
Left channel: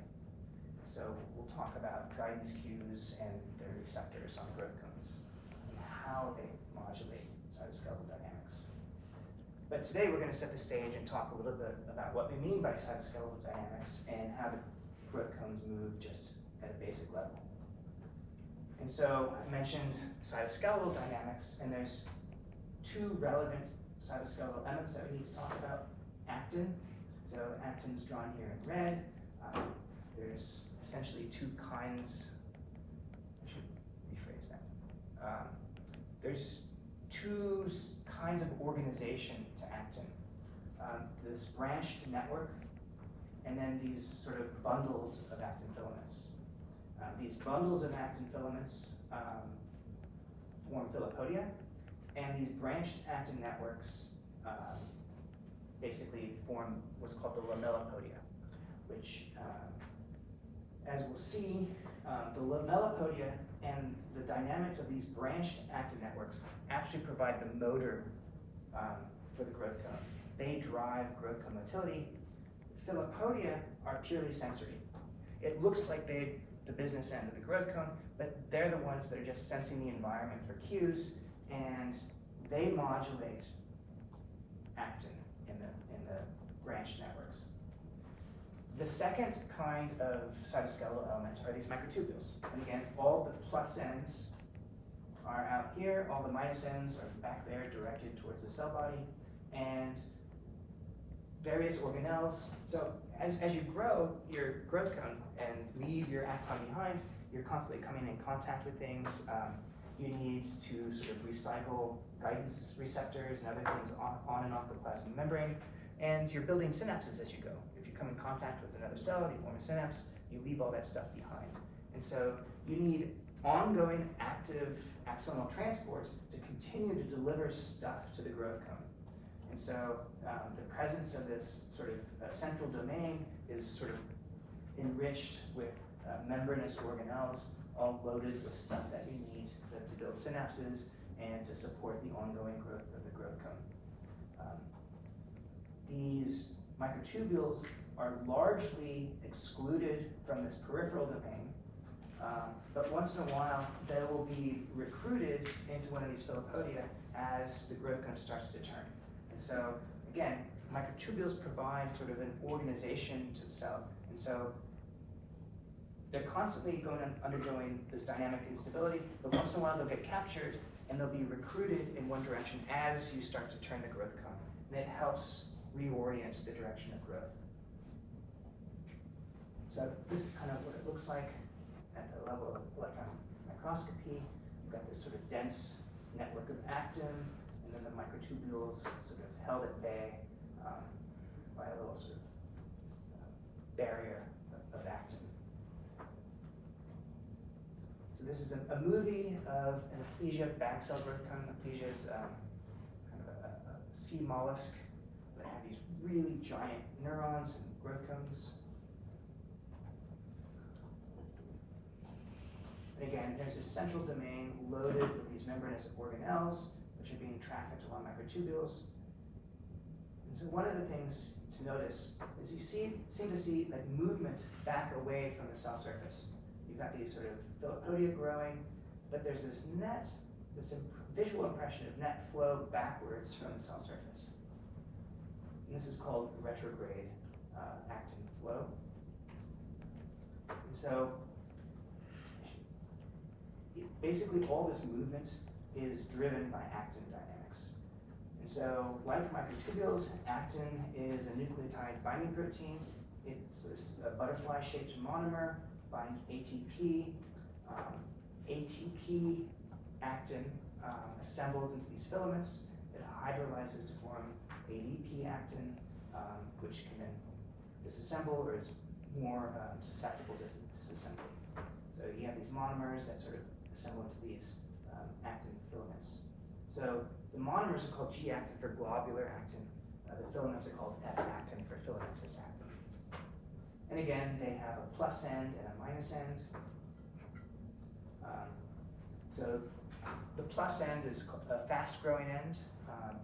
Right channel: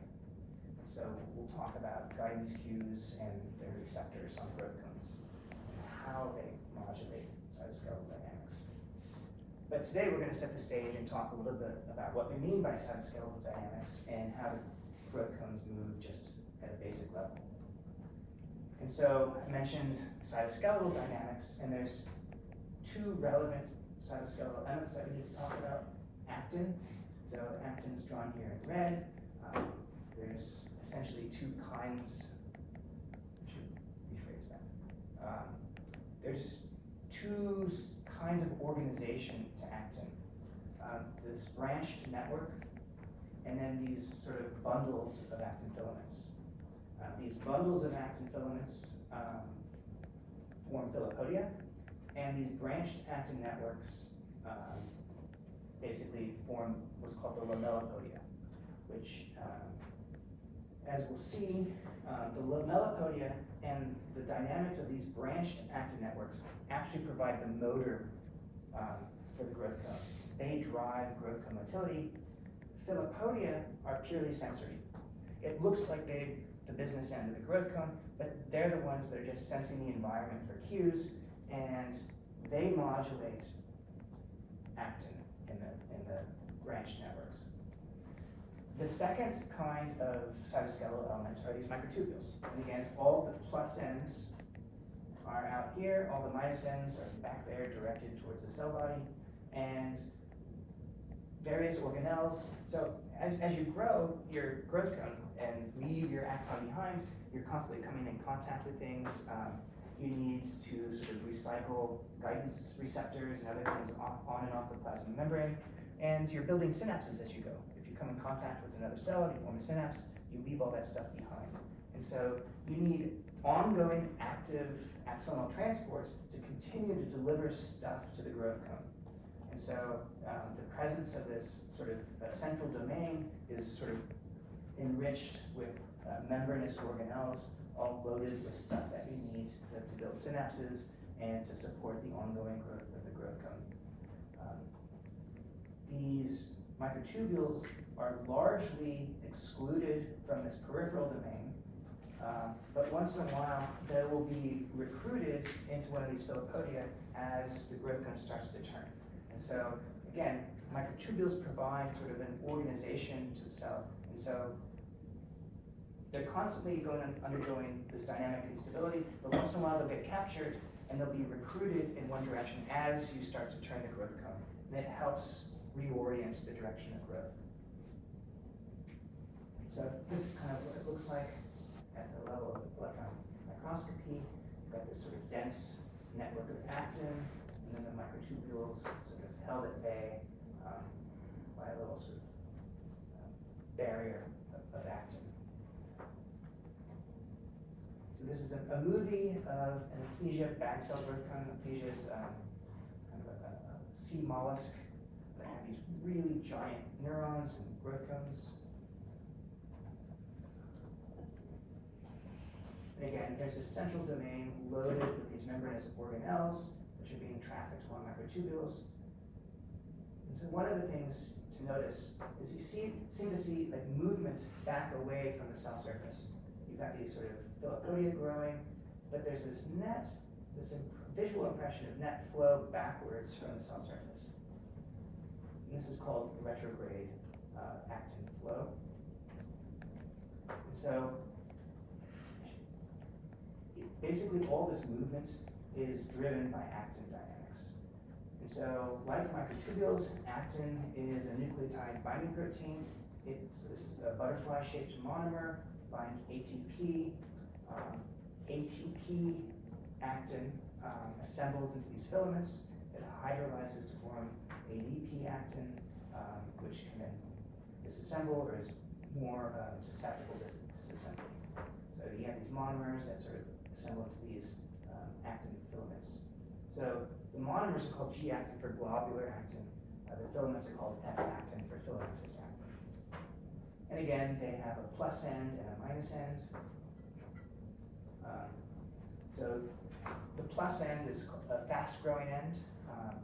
So we'll talk about guidance cues and their receptors on growth cones, how they modulate cytoskeletal dynamics. But today we're going to set the stage and talk a little bit about what we mean by cytoskeletal dynamics and how the growth cones move just at a basic level. And so I mentioned cytoskeletal dynamics, and there's two relevant cytoskeletal elements that we need to talk about. Actin, so actin is drawn here in red. There's essentially two kinds, I should rephrase that. There's two kinds of organization to actin. This branched network, and then these sort of bundles of actin filaments. These bundles of actin filaments form filopodia, and these branched actin networks basically form what's called the lamellipodia, which, as we'll see, the lamellipodia and the dynamics of these branched actin networks actually provide the motor for the growth cone. They drive growth cone motility. Filopodia are purely sensory. It looks like they're the business end of the growth cone, but they're the ones that are just sensing the environment for cues, and they modulate actin in the branched networks. The second kind of cytoskeletal element are these microtubules. And again, all the plus ends are out here, all the minus ends are back there directed towards the cell body, and various organelles. So as you grow your growth cone and leave your axon behind, you're constantly coming in contact with things. You need to sort of recycle guidance receptors and other things on and off the plasma membrane, and you're building synapses as you go. If you come in contact with another cell, you form a synapse, you leave all that stuff behind. And so you need ongoing active axonal transport to continue to deliver stuff to the growth cone. And so the presence of this sort of central domain is sort of enriched with membranous organelles, all loaded with stuff that you need to build synapses and to support the ongoing growth of the growth cone. These microtubules are largely excluded from this peripheral domain, but once in a while they will be recruited into one of these filopodia as the growth cone starts to turn. And so again, microtubules provide sort of an organization to the cell, and so they're constantly undergoing this dynamic instability, but once in a while they'll get captured and they'll be recruited in one direction as you start to turn the growth cone. And it helps reorient the direction of growth. So this is kind of what it looks like at the level of electron microscopy. You've got this sort of dense network of actin, and then the microtubules sort of held at bay by a little sort of barrier of actin. So this is a movie of an aplysia, bag cell growth cone. Aplysia is kind of a sea mollusk that have these really giant neurons and growth cones. And again, there's a central domain loaded with these membranous organelles, which are being trafficked along microtubules. And so one of the things to notice is you seem to see like movement back away from the cell surface. You've got these sort of philopodia growing, but there's this visual impression of net flow backwards from the cell surface. And this is called retrograde actin flow. And so basically all this movement is driven by actin dynamics. And so like microtubules, actin is a nucleotide binding protein. It's a butterfly-shaped monomer, binds ATP. ATP actin assembles into these filaments. It hydrolyzes to form ADP actin, which can then disassemble or is more susceptible to disassembly. So you have these monomers that sort of assemble into these actin filaments. So the monomers are called G-actin for globular actin. The filaments are called F-actin for filamentous actin. And again, they have a plus end and a minus end. So the plus end is a fast-growing end,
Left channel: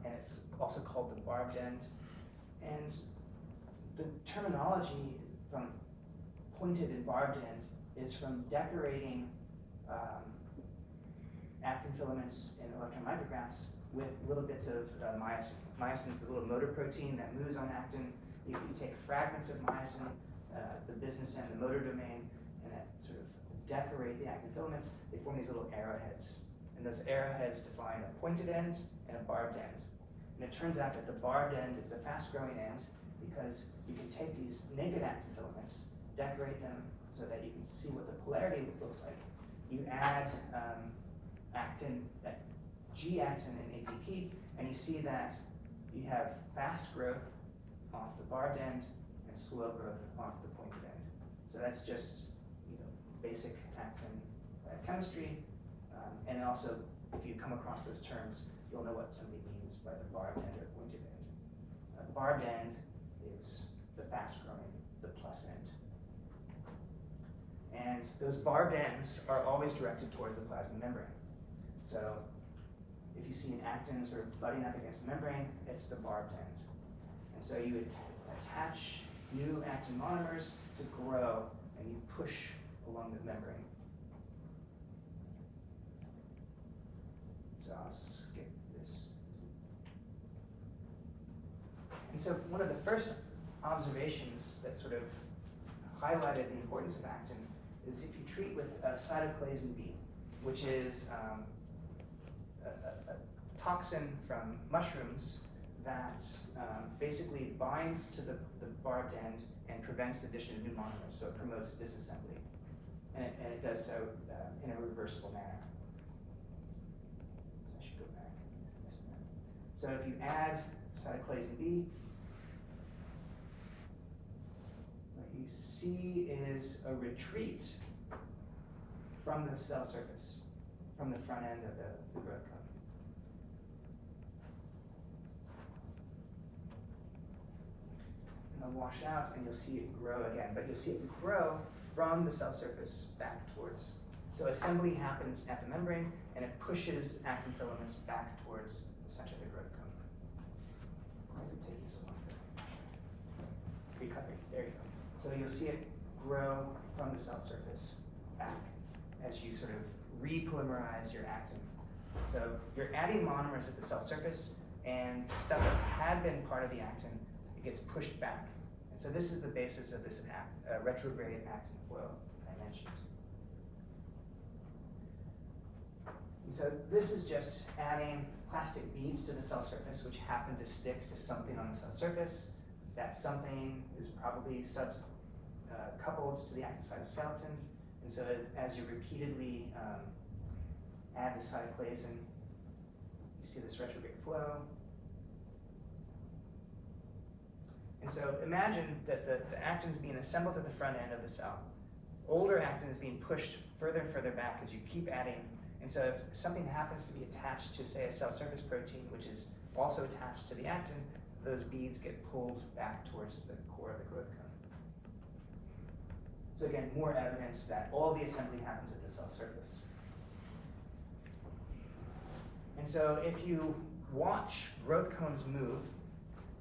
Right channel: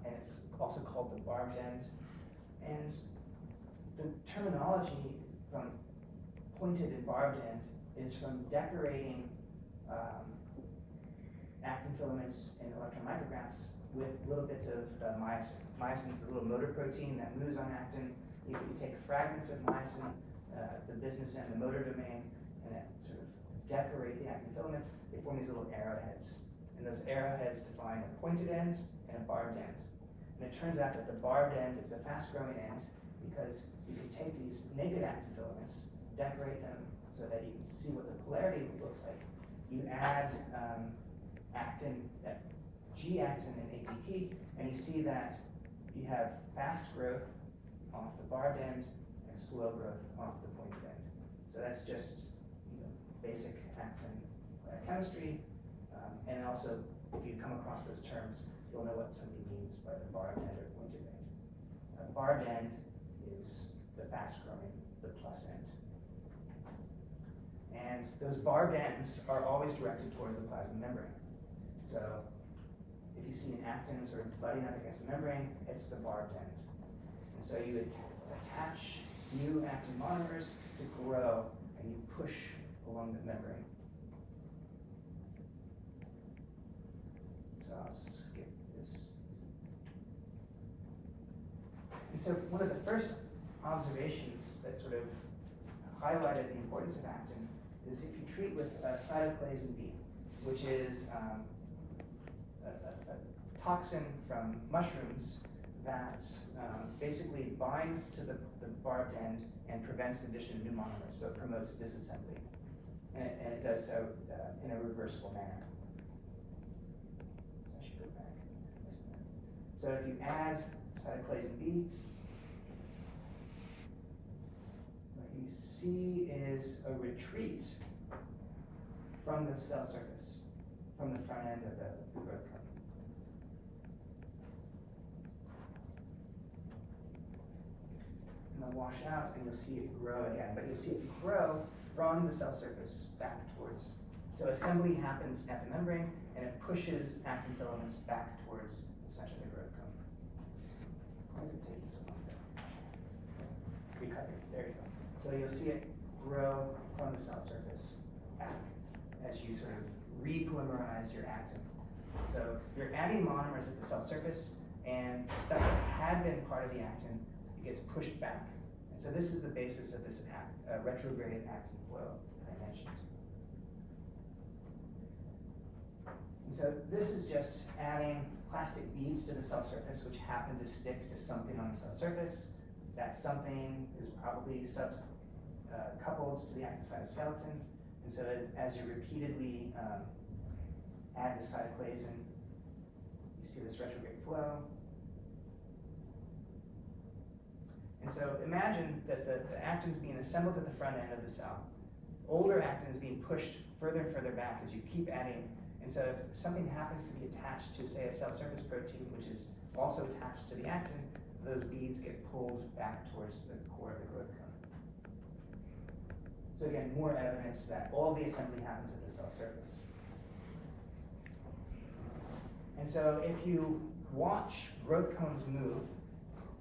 and it's also called the barbed end. And the terminology from pointed and barbed end is from decorating actin filaments in electron micrographs with little bits of myosin. Myosin is the little motor protein that moves on actin. You take fragments of myosin, the business end, the motor domain, and that sort of decorate the actin filaments. They form these little arrowheads. And those arrowheads define a pointed end and a barbed end. And it turns out that the barbed end is the fast-growing end because you can take these naked actin filaments, decorate them so that you can see what the polarity looks like. You add actin, G-actin and ATP, and you see that you have fast growth off the barbed end and slow growth off the pointed end. So that's just basic actin chemistry. And also, if you come across those terms, you'll know what somebody means by the barbed end or pointed end. Barbed end is the fast-growing, the plus end. And those barbed ends are always directed towards the plasma membrane. So if you see an actin sort of butting up against the membrane, it's the barbed end. And so you attach new actin monomers to grow, and you push along the membrane. So I'll skip this. And so one of the first observations that sort of highlighted the importance of actin is if you treat with cytoclasin B, which is a toxin from mushrooms that basically binds to the barbed end and prevents the addition of new monomers, so it promotes disassembly. And it does so in a reversible manner. So I should go back. So if you add cytoclasin B, what you see is a retreat from the cell surface, from the front end of the growth cone. And they'll wash out, and you'll see it grow again, but you'll see it grow from the cell surface back towards. So assembly happens at the membrane, and it pushes actin filaments back towards the center of the growth cone. Why is it taking so long? Recovery, there you go. So you'll see it grow from the cell surface back as you sort of repolymerize your actin. So you're adding monomers at the cell surface, and stuff that had been part of the actin, it gets pushed back. And so this is the basis of this retrograde actin flow I mentioned. And so this is just adding plastic beads to the cell surface, which happen to stick to something on the cell surface. That something is probably coupled to the actin cytoskeleton. And so as you repeatedly add the cytoplasm, you see this retrograde flow. And so imagine that the actin is being assembled at the front end of the cell. Older actin is being pushed further and further back as you keep adding. And so if something happens to be attached to, say, a cell surface protein, which is also attached to the actin, those beads get pulled back towards the core of the growth cone. So again, more evidence that all the assembly happens at the cell surface. And so if you watch growth cones move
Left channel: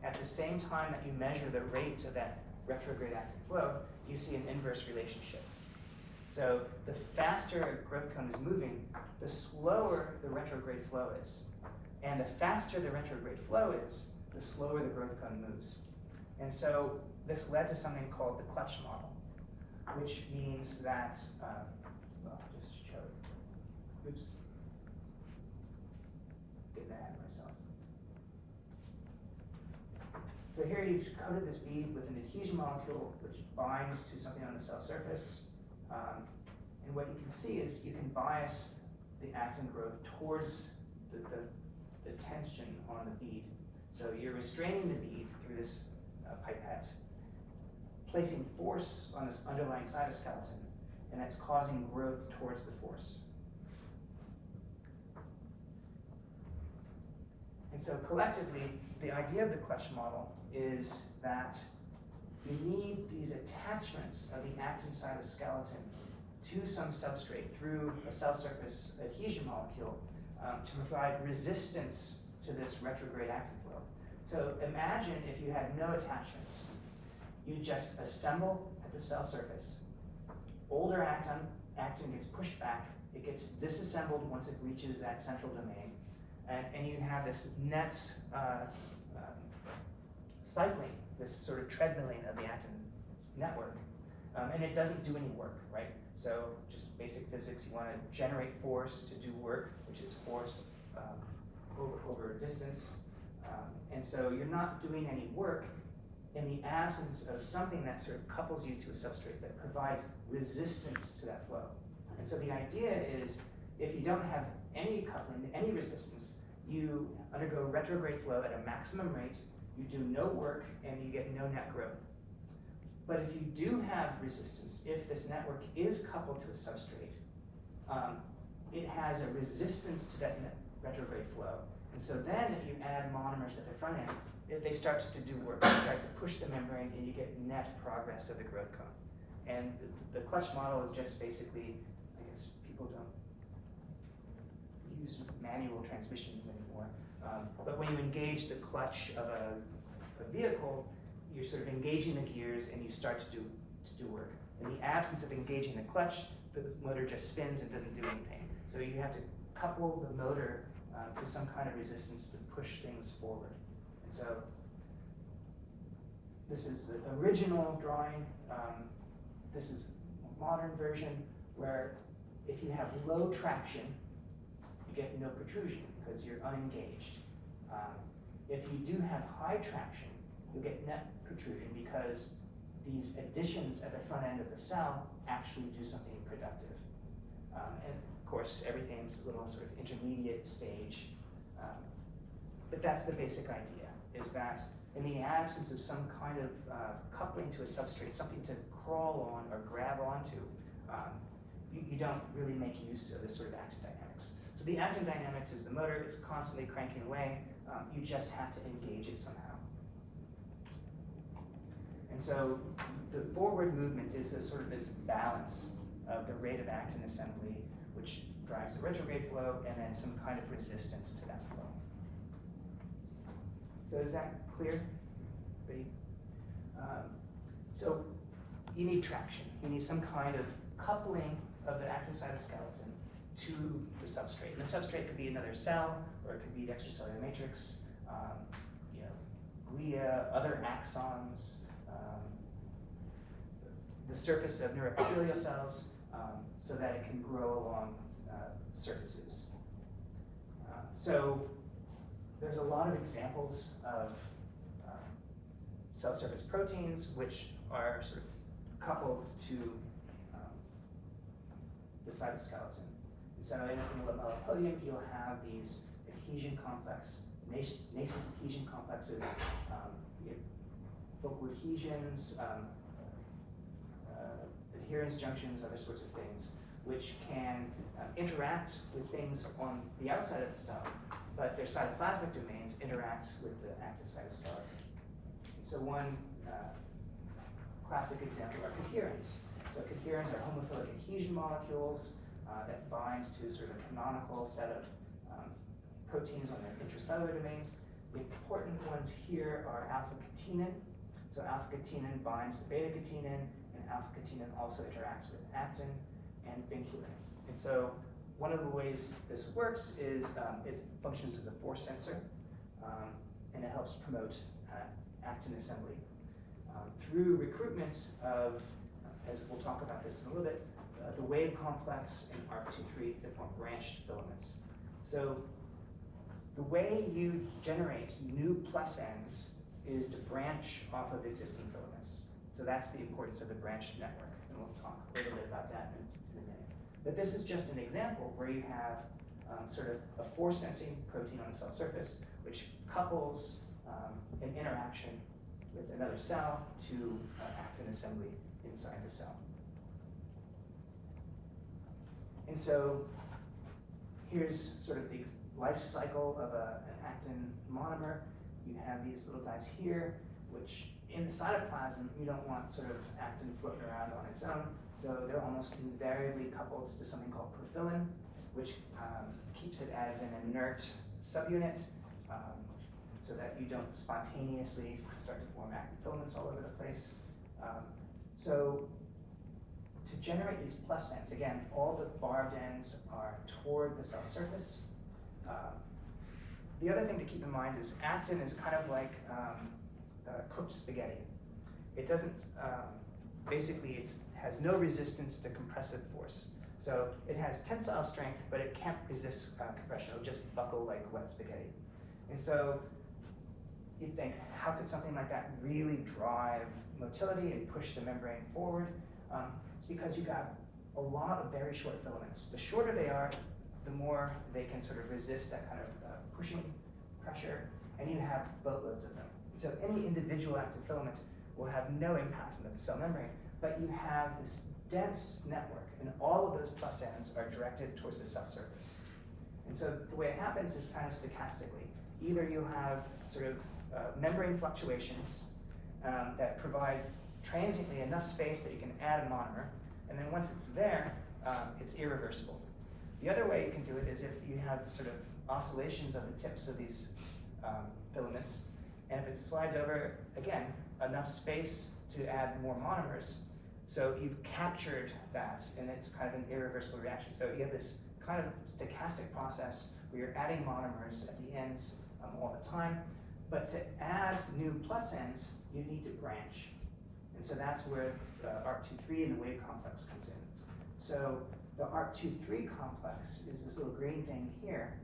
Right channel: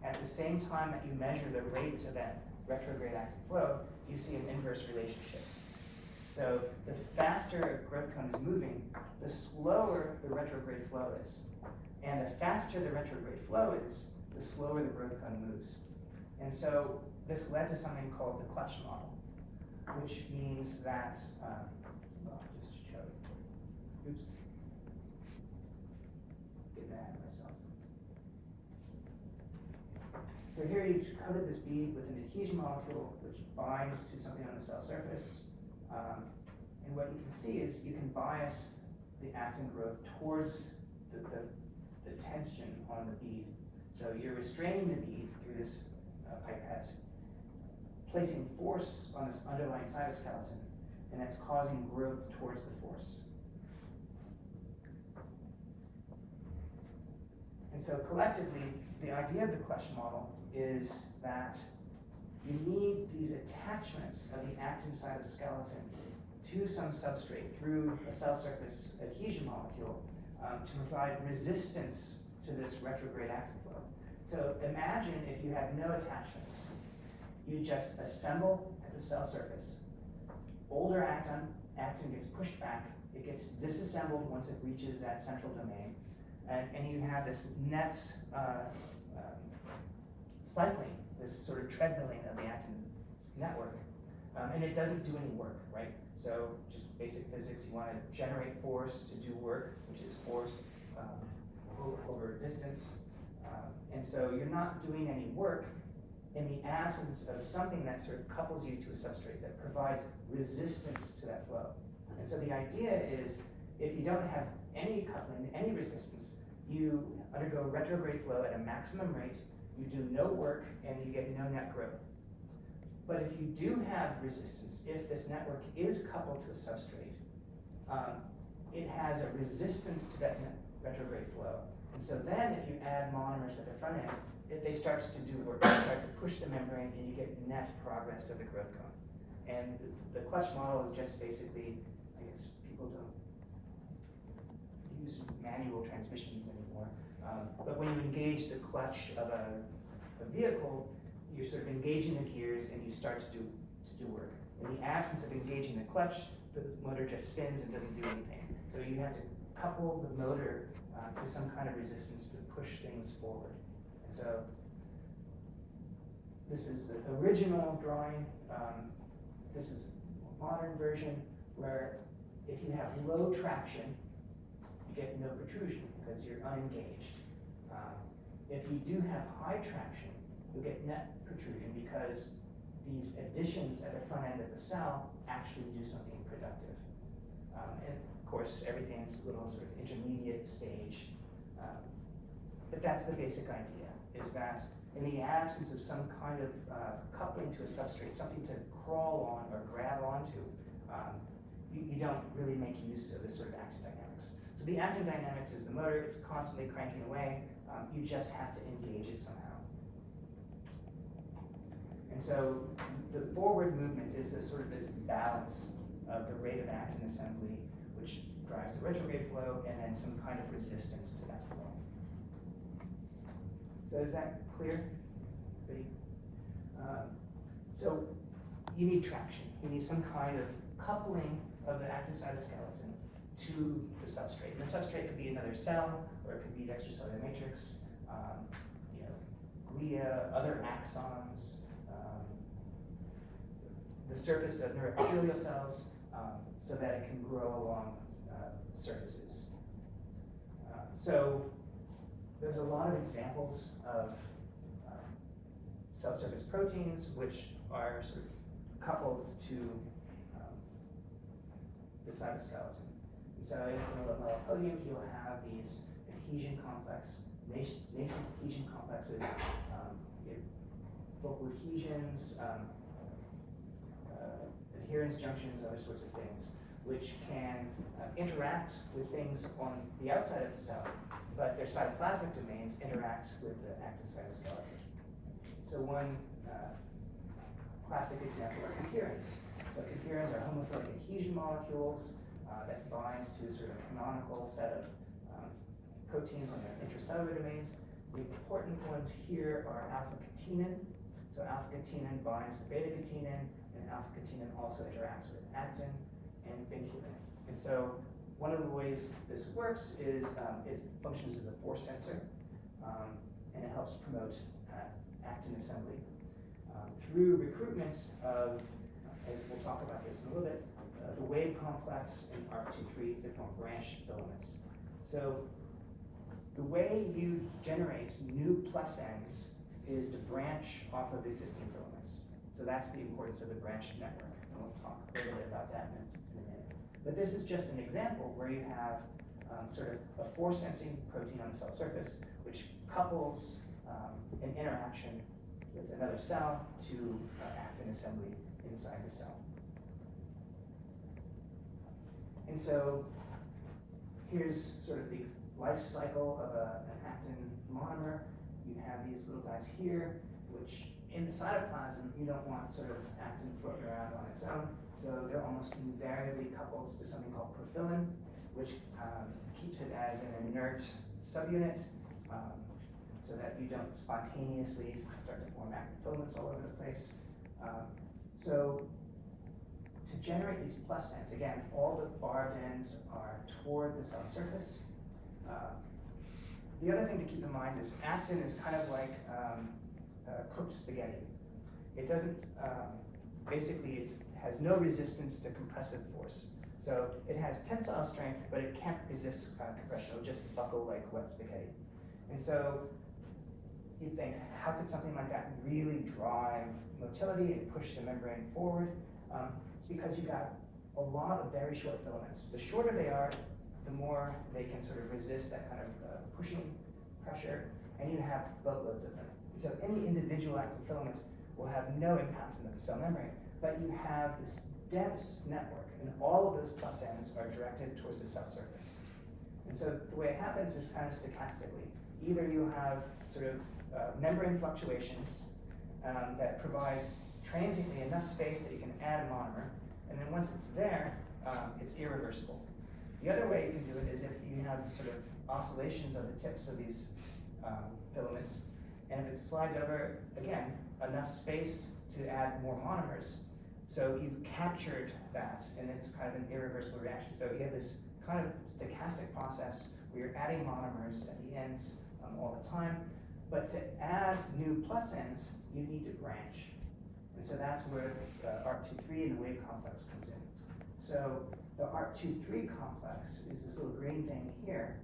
at the same time that you measure the rate of that retrograde actin flow, you see an inverse relationship. So the faster a growth cone is moving, the slower the retrograde flow is. And the faster the retrograde flow is, the slower the growth cone moves. And so this led to something called the clutch model, which means that, well, I just showed, oops, getting ahead of myself. So here you've coated this bead with an adhesion molecule which binds to something on the cell surface. And what you can see is you can bias the actin growth towards the tension on the bead. So you're restraining the bead through this pipette, placing force on this underlying cytoskeleton, and that's causing growth towards the force. And so collectively, the idea of the clutch model is that you need these attachments of the actin cytoskeleton to some substrate through a cell surface adhesion molecule to provide resistance to this retrograde actin flow. So imagine if you had no attachments. You just assemble at the cell surface. Older actin gets pushed back. It gets disassembled once it reaches that central domain. And you have this net cycling, this sort of treadmilling of the actin network. And it doesn't do any work, right? So just basic physics, you want to generate force to do work, which is force over distance. And so you're not doing any work in the absence of something that sort of couples you to a substrate that provides resistance to that flow. And so the idea is, if you don't have any coupling, any resistance, you undergo retrograde flow at a maximum rate, you do no work, and you get no net growth. But if you do have resistance, if this network is coupled to a substrate, it has a resistance to that retrograde flow. And so then if you add monomers at the front end, they start to do work, they start to push the membrane, and you get net progress of the growth cone. And the clutch model is just basically, I guess people don't use manual transmissions anymore, but when you engage the clutch of a vehicle, you're sort of engaging the gears and you start to do work. In the absence of engaging the clutch, the motor just spins and doesn't do anything. So you have to couple the motor to some kind of resistance to push things forward. And so this is the original drawing. This is a modern version where if you have low traction, you get no protrusion because you're unengaged. If you do have high traction, you get net protrusion because these additions at the front end of the cell actually do something productive. And of course, everything's a little sort of intermediate stage. But that's the basic idea, is that in the absence of some kind of coupling to a substrate, something to crawl on or grab onto, you don't really make use of this sort of actin dynamics. So the actin dynamics is the motor, it's constantly cranking away, you just have to engage it somehow. And so the forward movement is sort of this balance of the rate of actin assembly, which drives the retrograde flow, and then some kind of resistance to that flow. So is that clear? Everybody? So you need traction. You need some kind of coupling of the actin cytoskeleton to the substrate. And the substrate could be another cell, or it could be the extracellular matrix, glia, other axons, the surface of neuroepithelial cells, so that it can grow along surfaces. So there's a lot of examples of cell surface proteins which are sort of coupled to the cytoskeleton. And so in the podium, you'll have these adhesion complex, nascent adhesion complexes, you have local adhesions, adherence junctions, other sorts of things, which can interact with things on the outside of the cell, but their cytoplasmic domains interact with the active cytoskeleton. So one classic example are coherins. So coherins are homophilic adhesion molecules that bind to sort of a canonical set of proteins on their intracellular domains. The important ones here are alpha-catenin. So alpha-catenin binds to beta-catenin, and alpha-catenin also interacts with actin and vinculin. And so one of the ways this works is it functions as a force sensor, and it helps promote actin assembly through recruitment of, as we'll talk about this in a little bit, the wave complex and ARC23 to form branched filaments. So the way you generate new plus ends is to branch off of existing filaments. So that's the importance of the branched network, and we'll talk a little bit about that in a minute. But this is just an example where you have sort of a force sensing protein on the cell surface, which couples an interaction with another cell to actin assembly inside the cell. And so here's sort of the life cycle of an actin monomer. You have these little guys here, which in the cytoplasm, you don't want sort of actin floating around on its own, so they're almost invariably coupled to something called profilin, which keeps it as an inert subunit, so that you don't spontaneously start to form actin filaments all over the place. So to generate these plus ends, again, all the barbed ends are toward the cell surface. The other thing to keep in mind is actin is kind of like cooked spaghetti. It doesn't, basically it has no resistance to compressive force. So it has tensile strength, but it can't resist compression. It'll just buckle like wet spaghetti. And so you think, how could something like that really drive motility and push the membrane forward? It's because you got a lot of very short filaments. The shorter they are, the more they can sort of resist that kind of pushing pressure, and you have boatloads of them. So any individual active filament will have no impact on the cell membrane, but you have this dense network, and all of those plus ends are directed towards the cell surface. And so the way it happens is kind of stochastically. Either you'll have sort of membrane fluctuations that provide transiently enough space that you can add a monomer, and then once it's there, it's irreversible. The other way you can do it is if you have sort of oscillations of the tips of these filaments, and if it slides over, again, enough space to add more monomers, so you've captured that, and it's kind of an irreversible reaction. So you have this kind of stochastic process where you're adding monomers at the ends all the time, but to add new plus ends, you need to branch. And so that's where the ARC23 and the wave complex comes in. So the ARC23 complex is this little green thing here,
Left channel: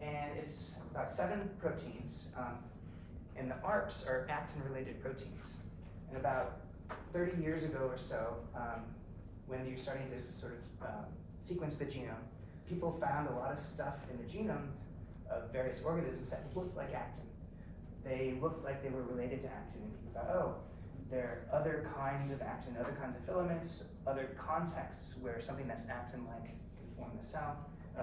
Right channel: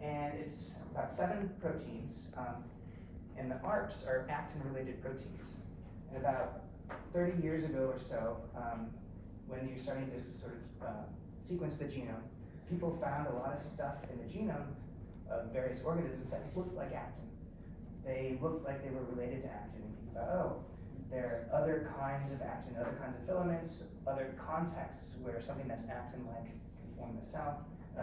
and it's about 7 proteins, and the ARCs are actin-related proteins. And about 30 years ago or so, when you're starting to sort of sequence the genome, people found a lot of stuff in the genome of various organisms that looked like actin. They looked like they were related to actin, and people thought, oh, there are other kinds of actin, other kinds of filaments, other contexts where something that's actin-like can form the cell.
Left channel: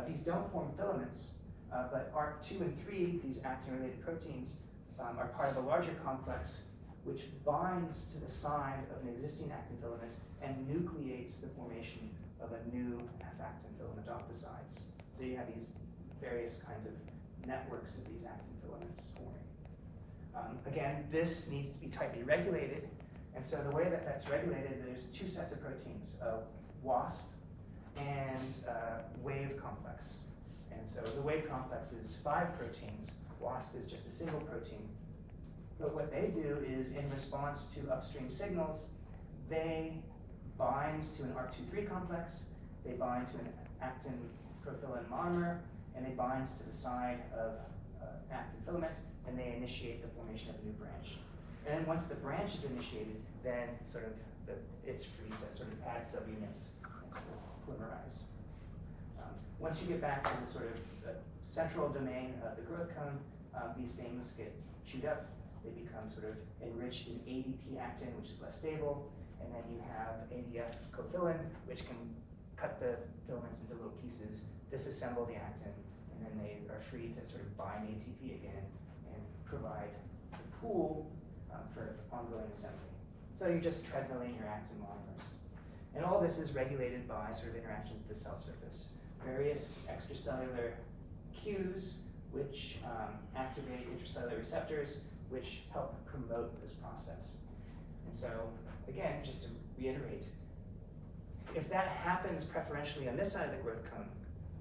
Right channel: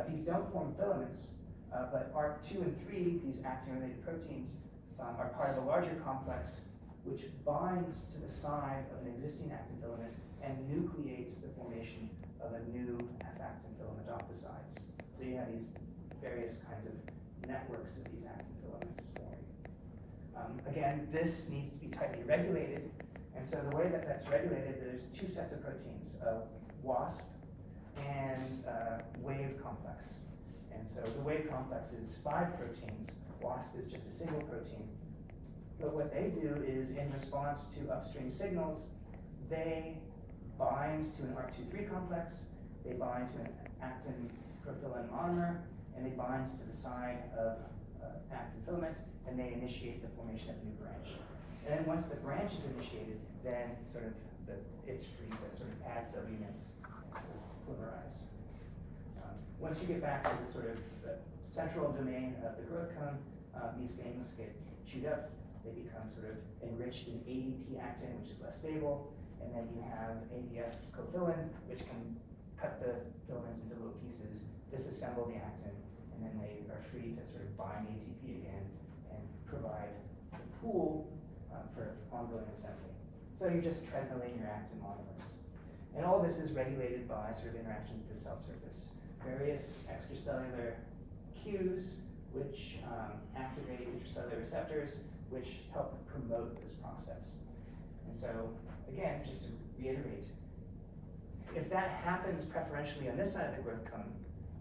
These don't form filaments, but ARC2 and 3, these actin-related proteins, are part of a larger complex which binds to the side of an existing actin filament and nucleates the formation of a new F-actin filament off the sides. So you have these various kinds of networks of these actin filaments forming. Again, this needs to be tightly regulated, and so the way that that's regulated, there's 2 sets of proteins, WASP and wave complex. And so the wave complex is 5 proteins, WASP is just a single protein. But what they do is, in response to upstream signals, they bind to an ARC23 complex, they bind to an actin profilin monomer, and they bind to the side of actin filament, and they initiate the formation of a new branch. And then once the branch is initiated, then sort of that it's free to sort of add subunits and sort of polymerize. Once you get back to the sort of the central domain of the growth cone, these things get chewed up. They become sort of enriched in ADP actin, which is less stable, and then you have ADF cofilin, which can cut the filaments into little pieces, disassemble the actin, and then they are free to sort of bind ATP again and provide the pool for ongoing assembly. So you're just treadmilling your actin monomers. And all this is regulated by sort of interactions with the cell surface. Various extracellular cues which activate intracellular receptors which help promote this process. And so, again, just to reiterate, if that happens preferentially on this side of the growth cone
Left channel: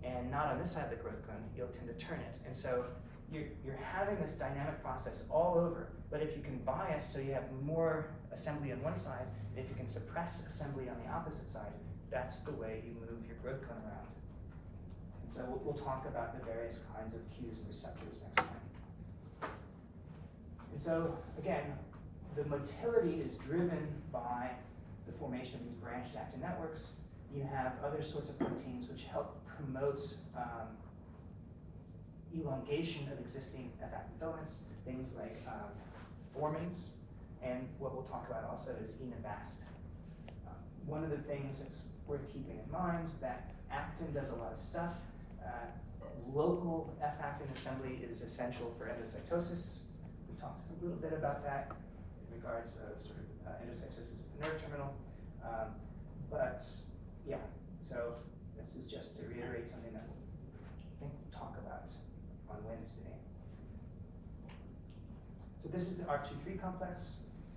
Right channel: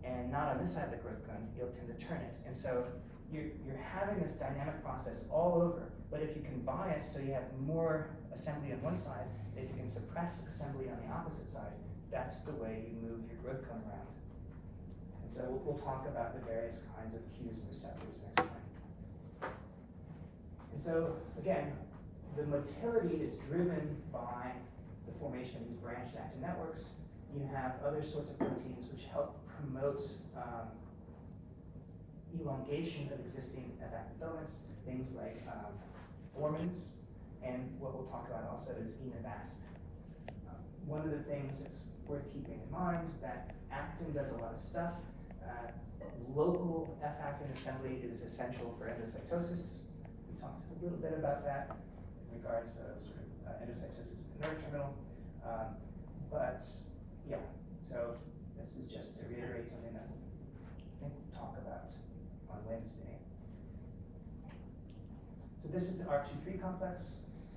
and not on this side of the growth cone, you'll tend to turn it. And so you're having this dynamic process all over, but if you can bias so you have more assembly on one side, if you can suppress assembly on the opposite side, that's the way you move your growth cone around. And so we'll talk about the various kinds of cues and receptors next time. And so, again, the motility is driven by the formation of these branched actin networks. You have other sorts of proteins which help promote elongation of existing actin filaments, things like formins, and what we'll talk about also is enivast. One of the things that's worth keeping in mind that actin does a lot of stuff. Local F-actin assembly is essential for endocytosis. We talked a little bit about that in regards to sort of endocytosis of the neuroterminal. But yeah, so this is just to reiterate something that I think we'll talk about on Wednesday. So this is the ARC2/3 complex.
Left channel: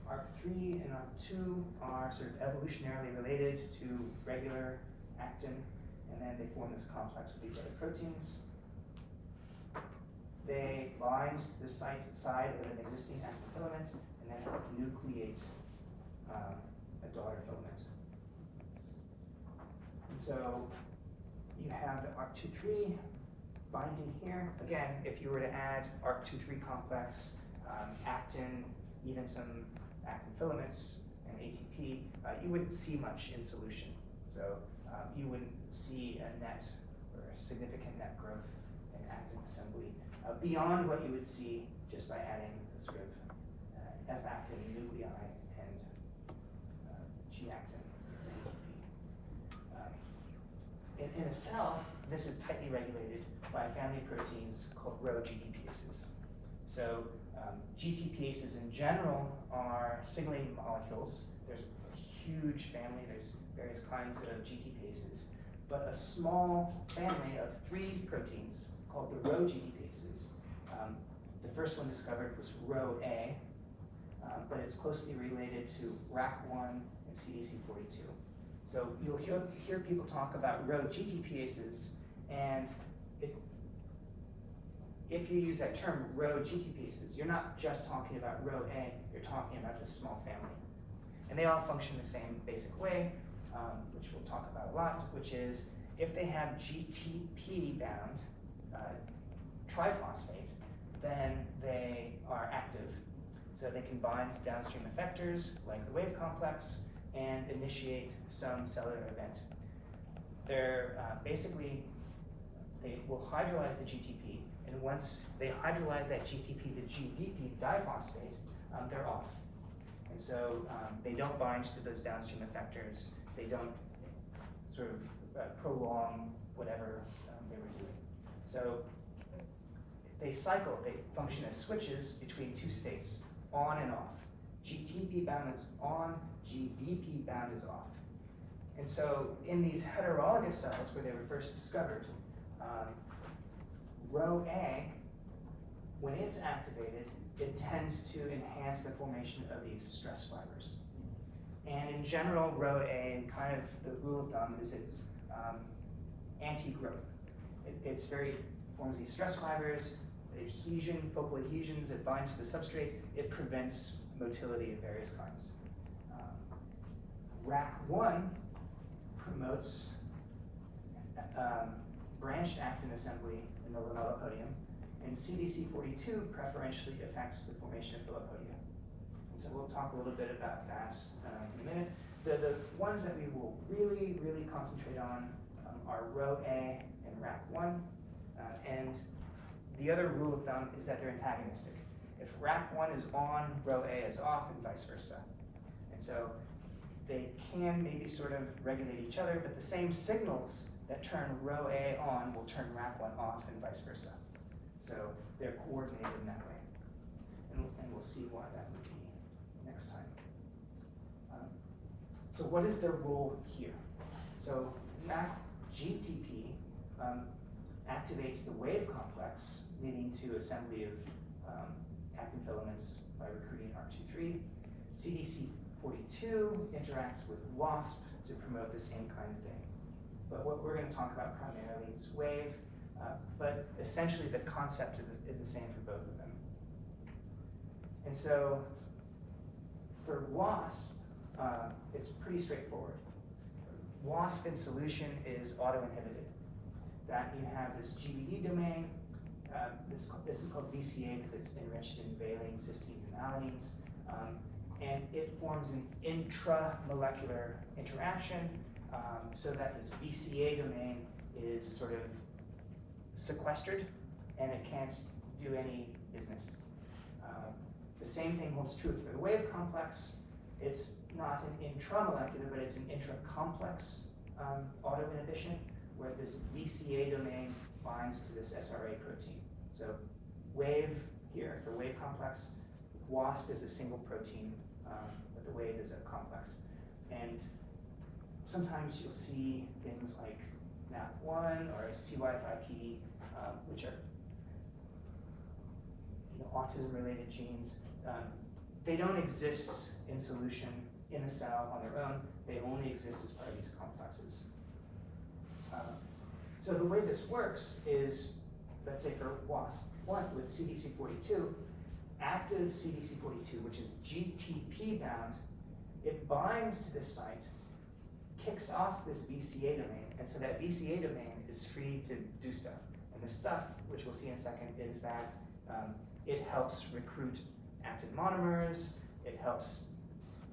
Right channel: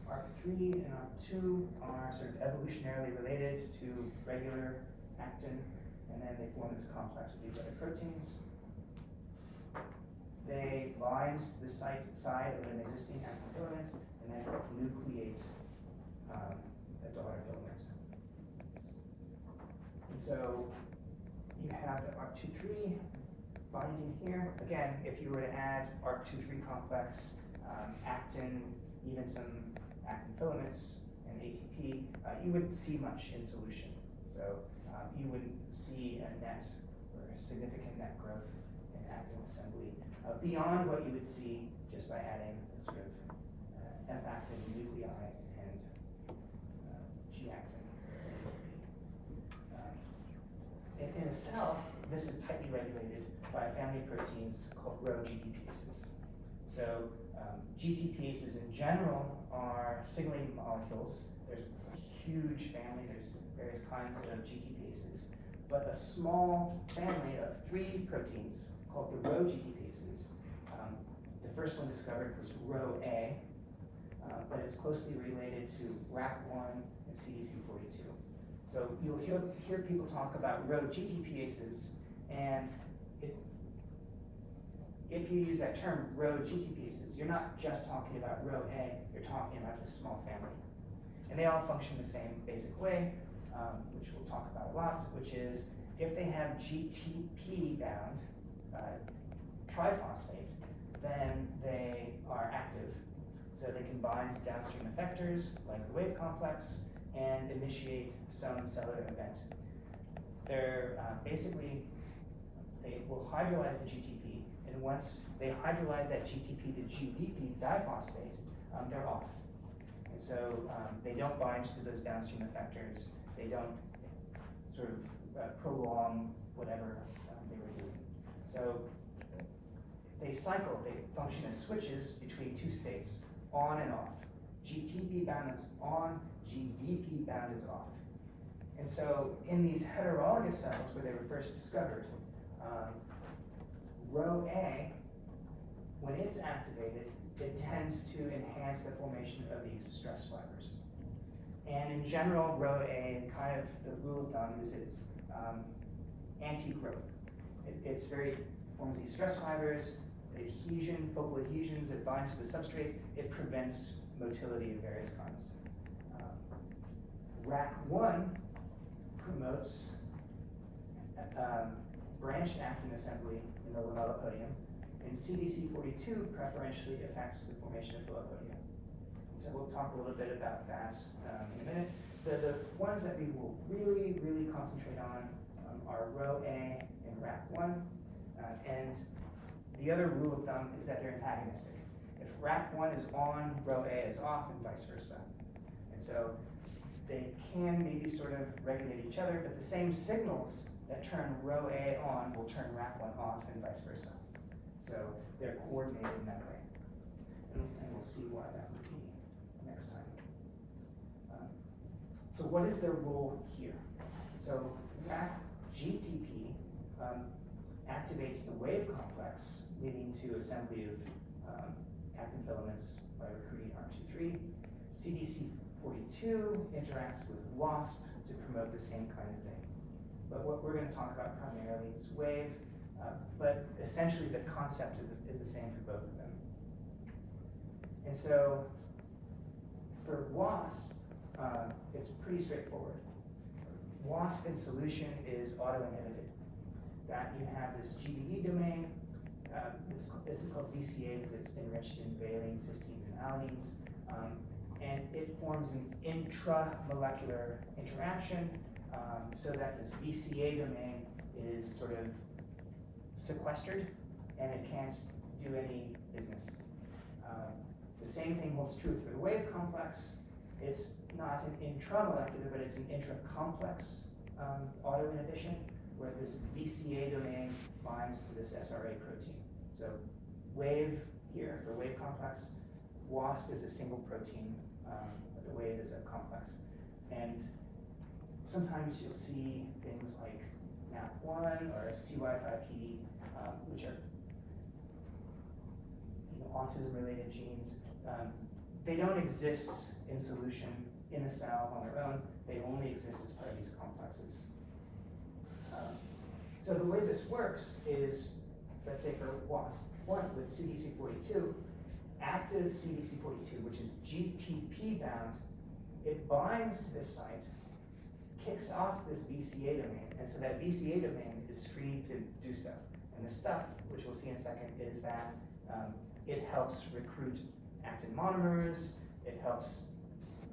ARC3 and ARC2 are sort of evolutionarily related to regular actin, and then they form this complex with these other proteins. They bind to the side of an existing actin filament and then nucleate a daughter filament. And so you have the ARC2/3 binding here. Again, if you were to add ARC2/3 complex, actin, even some actin filaments, and ATP, you wouldn't see much in solution. So you wouldn't see a net or a significant net growth in actin assembly beyond what you would see just by adding the sort of F-actin nuclei and G-actin. In a cell, this is tightly regulated by a family of proteins called Rho GTPases. So GTPases in general are signaling molecules. There's a huge family, there's various kinds of GTPases, but a small family of 3 proteins called the Rho GTPases. The first one discovered was Rho A, but it's closely related to RAC1 and CDC42. So you'll hear people talk about Rho GTPases, and if you use that term, Rho GTPases, you're not just talking about Rho A, you're talking about this small family. And they all function the same basic way, which we'll talk about a lot, which is if they have GTP-bound triphosphate, then they are active. So they can bind to downstream effectors, like the wave complex, and initiate some cellular event. They're basically, they will hydrolyze the GTP, and once they hydrolyze that GTP, the GDP diphosphate, they're off. And so they don't bind to those downstream effectors. They don't sort of prolong whatever they were doing. So they cycle, they function as switches between 2 states, on and off. GTP bound is on, GDP bound is off. And so in these heterologous cells where they were first discovered, Rho A, when it's activated, it tends to enhance the formation of these stress fibers. And in general, Rho A, kind of the rule of thumb is it's anti-growth. It's forms these stress fibers, adhesion, focal adhesions, it binds to the substrate, it prevents motility of various kinds. RAC1 promotes branched actin assembly in the lamellipodium, and CDC42 preferentially affects the formation of filopodium. And so we'll talk a little bit about that in a minute. the ones that we will really, really concentrate on are row A and rack 1. And the other rule of thumb is that they're antagonistic. If rack 1 is on, row A is off, and vice versa. And so they can maybe sort of regulate each other, but the same signals that turn row A on will turn rack 1 off, and vice versa. So they're coordinated in that way. And we'll see why that would be next time. So what is their role here? So rack GTP activates the wave complex, leading to assembly of actin filaments by recruiting RT3. CDC42 interacts with WASP to promote the same kind of thing. But what we're going to talk about primarily is wave, but essentially the concept is the same for both of them. And so for WASP, it's pretty straightforward. WASP in solution is autoinhibited. That you have this GBE domain. This is called VCA because it's enriched in valine, cysteines, and alanines. And it forms an intramolecular interaction so that this VCA domain is sort of sequestered and it can't do any business. The same thing holds true for the wave complex. It's not an intramolecular, but it's an intracomplex autoinhibition, where this VCA domain binds to this SRA protein. So wave here for wave complex, WASP is a single protein, but the wave is a complex. And sometimes you'll see things like NAP1 or CY5PD, which are autism-related genes. They don't exist in solution in the cell on their own. They only exist as part of these complexes. So the way this works is, let's say for WASP1 with CDC42, active CDC42, which is GTP bound, it binds to this site, kicks off this VCA domain, and so that VCA domain is free to do stuff. And the stuff, which we'll see in a second, is that it helps recruit actin monomers, it helps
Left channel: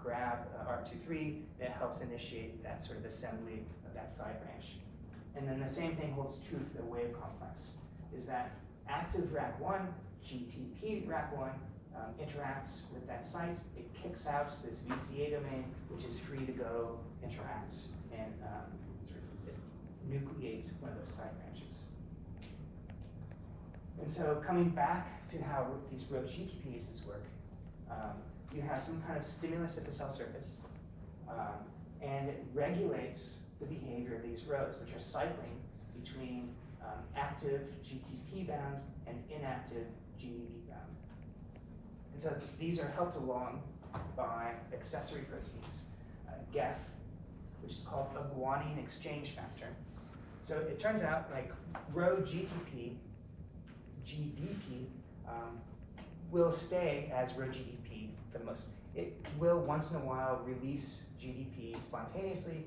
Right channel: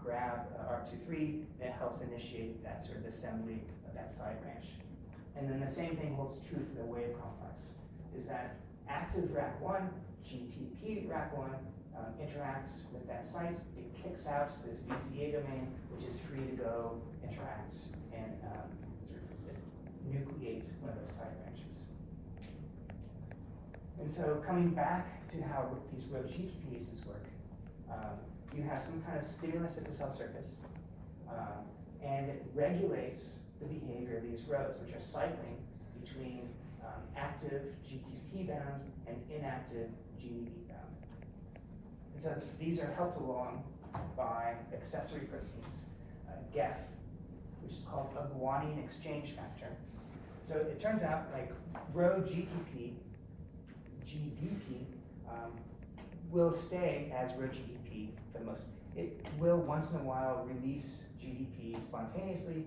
grab R23, and it helps initiate that sort of assembly of that side branch. And then the same thing holds true for the wave complex, is that active RAC1, GTP RAC1, interacts with that site, it kicks out this VCA domain, which is free to go, interact, and sort of it nucleates one of those side branches. And so coming back to how these row GTPases work, you have some kind of stimulus at the cell surface, and it regulates the behavior of these rows, which are cycling between active GTP bound and inactive GDP bound. And so these are helped along by accessory proteins, GEF, which is called a guanine exchange factor. So it turns out like row GTP, GDP, will stay as row GDP for the most. It will once in a while release GDP spontaneously.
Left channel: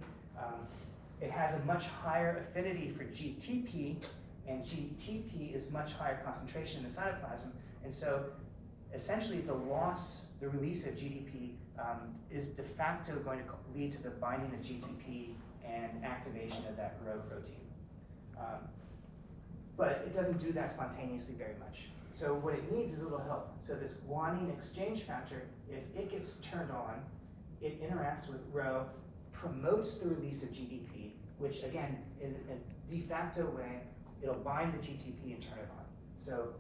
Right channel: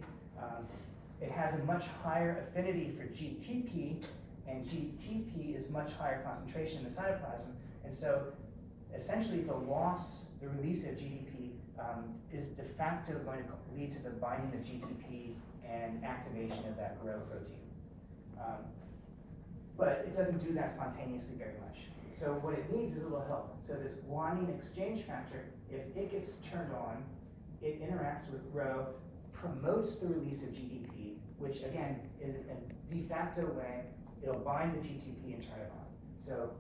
It has a much higher affinity for GTP, and GTP is much higher concentration in the cytoplasm. And so essentially the release of GDP is de facto going to lead to the binding of GTP and activation of that row protein. But it doesn't do that spontaneously very much. So what it needs is a little help. So this guanine exchange factor, if it gets turned on, it interacts with row, promotes the release of GDP, which again is a de facto way, it'll bind the GTP and turn it on. So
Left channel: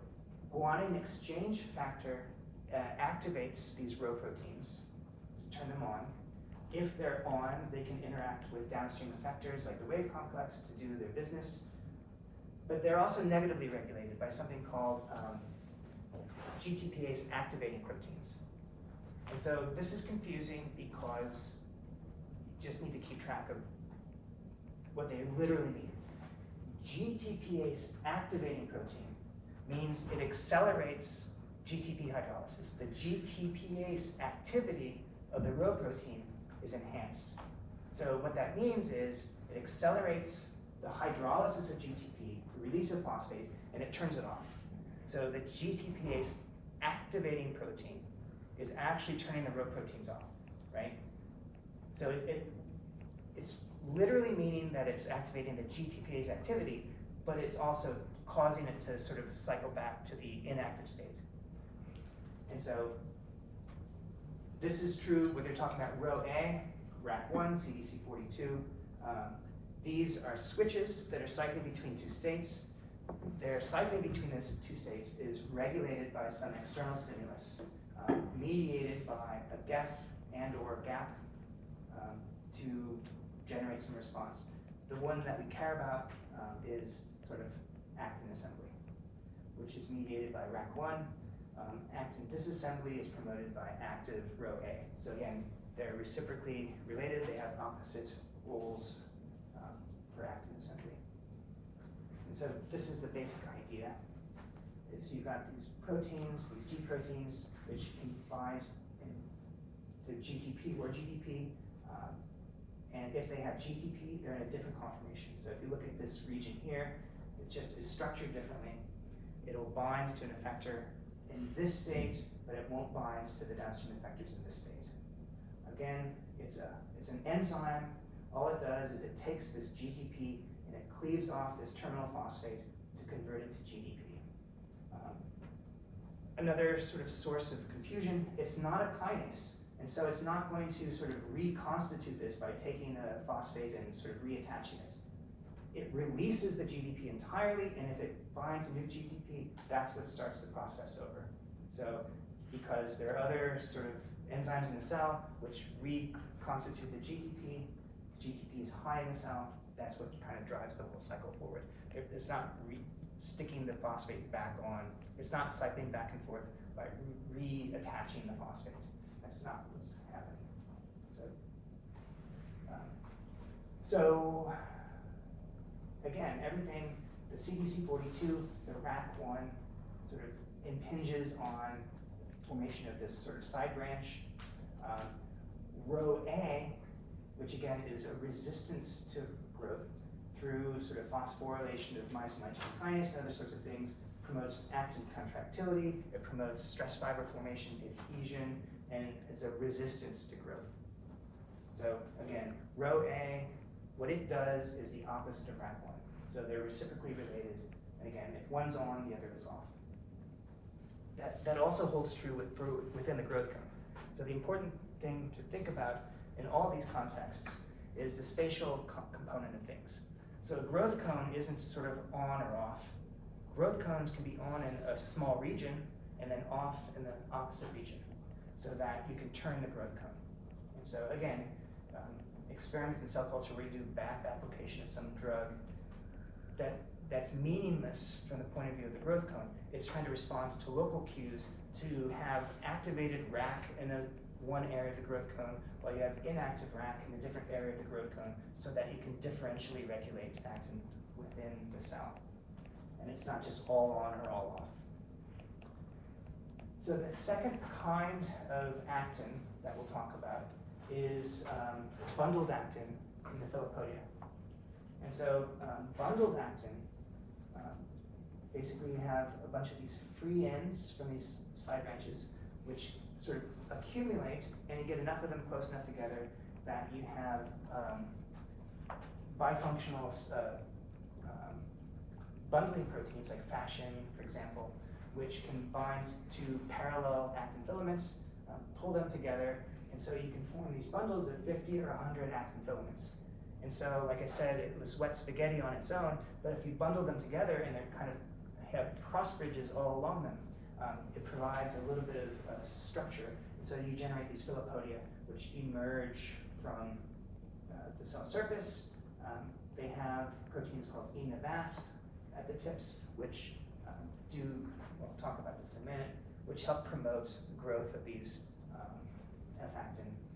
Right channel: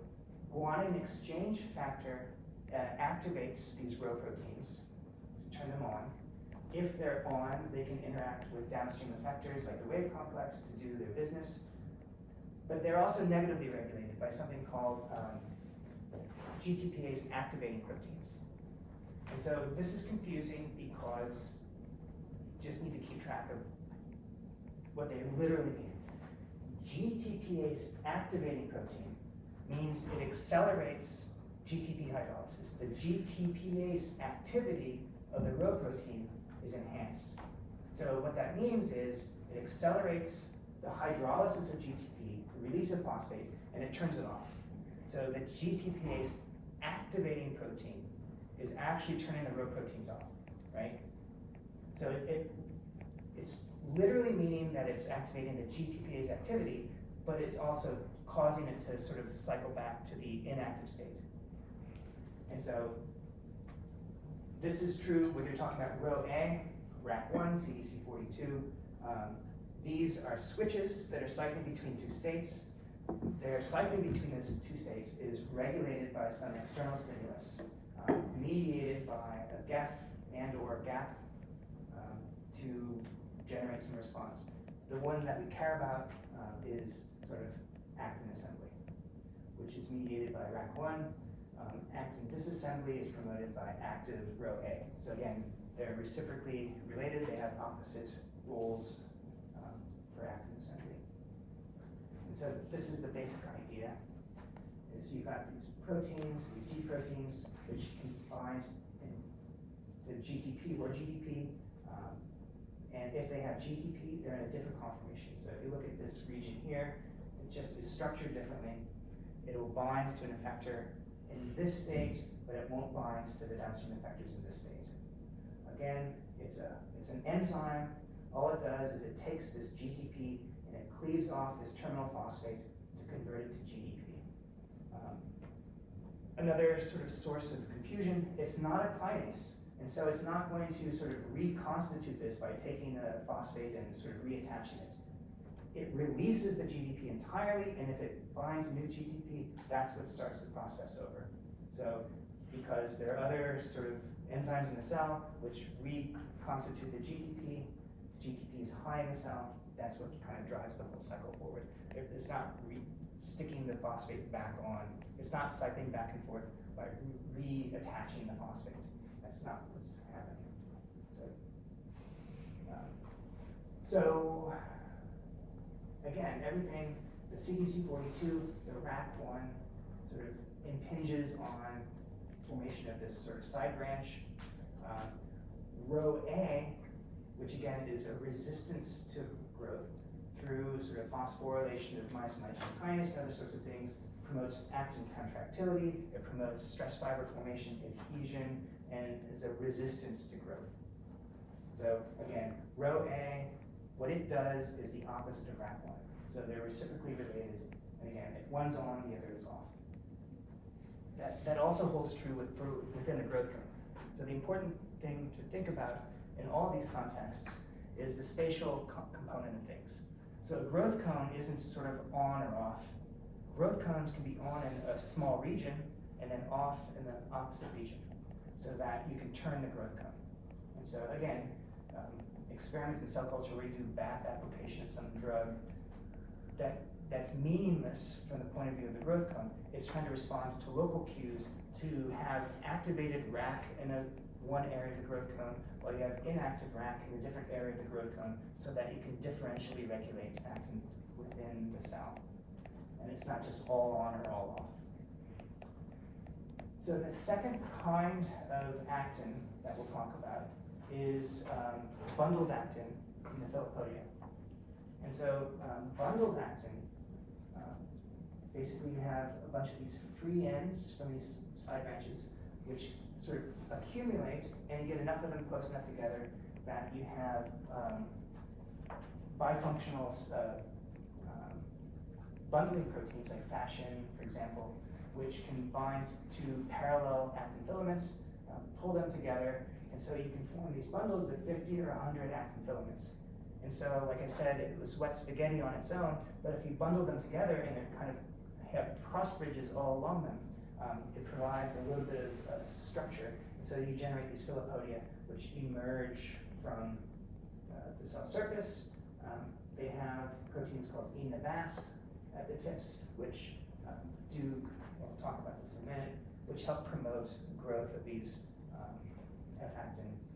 guanine exchange factor activates these row proteins to turn them on. If they're on, they can interact with downstream effectors like the wave complex to do their business. But they're also negatively regulated by something called GTPase activating proteins. And so this is confusing because you just need to keep track of what they literally mean. GTPase activating protein means it accelerates GTP hydrolysis. The GTPase activity of the row protein is enhanced. So what that means is it accelerates the hydrolysis of GTP, the release of phosphate, and it turns it off. So the GTPase activating protein is actually turning the row proteins off, right? So it's literally meaning that it's activating the GTPase activity, but it's also causing it to sort of cycle back to the inactive state. And so this is true whether you're talking about row A, RAC1, CDC42. These are switches that are cycling between two states. Their cycling between those two states is regulated by some external stimulus, mediated by a GEF and or GAP to generate some response. The one that we care about is sort of actin assembly, which is mediated by RAC1. Actin disassembly is promoted by active row A. So again, they're reciprocally related. They have opposite roles for actin assembly. And so this is the basic idea, is you've got these proteins, these G proteins, which can bind to GTP or GDP. And if they have GTP, they're in a different conformation. So if you look at this region here, it just is structured differently. It will bind to an effector in this state, but it won't bind to the downstream effectors in this state. Again, it's an enzyme. All it does is it takes this GTP and it cleaves off this terminal phosphate to convert it to GDP. Another sort of source of confusion, it's not a kinase. And so it's not going to sort of reconstitute this by taking the phosphate and sort of reattaching it. It releases the GDP entirely, and if it binds a new GDP, that's what starts the process over. So because there are other sort of enzymes in the cell which reconstitute the GTP is high in the cell, that's what kind of drives the whole cycle forward. It's not sticking the phosphate back on, it's not cycling back and forth by reattaching the phosphate. That's not what's happening. So again, everything, the CDC42, the RAC1 sort of impinges on formation of this sort of side branch. Row A, which again is a resistance to growth through sort of phosphorylation of myosin 19 kinase and other sorts of things, promotes actin contractility, it promotes stress fiber formation, adhesion, and is a resistance to growth. So again, row A, what it does is the opposite of RAC1. So they're reciprocally related, and again, if one's on, the other is off. That also holds true within the growth cone. So the important thing to think about in all these contexts is the spatial component of things. So a growth cone isn't sort of on or off. Growth cones can be on in a small region and then off in the opposite region, so that you can turn the growth cone. And so again, experiments in cell culture where you do bath application of some drug, that's meaningless from the point of view of the growth cone. It's trying to respond to local cues to have activated RAC in one area of the growth cone, while you have inactive RAC in a different area of the growth cone, so that you can differentially regulate actin within the cell. And it's not just all on or all off. So the second kind of actin that we'll talk about is bundled actin in the Filopodia. And so bundled actin, basically you have a bunch of these free ends from these side branches, which sort of accumulate, and you get enough of them close enough together that you have bifunctional bundling proteins like fasciin, for example, which can bind to parallel actin filaments, pull them together, and so you can form these bundles of 50 or 100 actin filaments. And so, like I said, it was wet spaghetti on its own, but if you bundle them together and they're kind of have cross bridges all along them, it provides a little bit of structure. And so you generate these Filopodia, which emerge from the cell surface. They have proteins called ENA-VASP at the tips, which we'll talk about this in a minute, which help promote the growth of these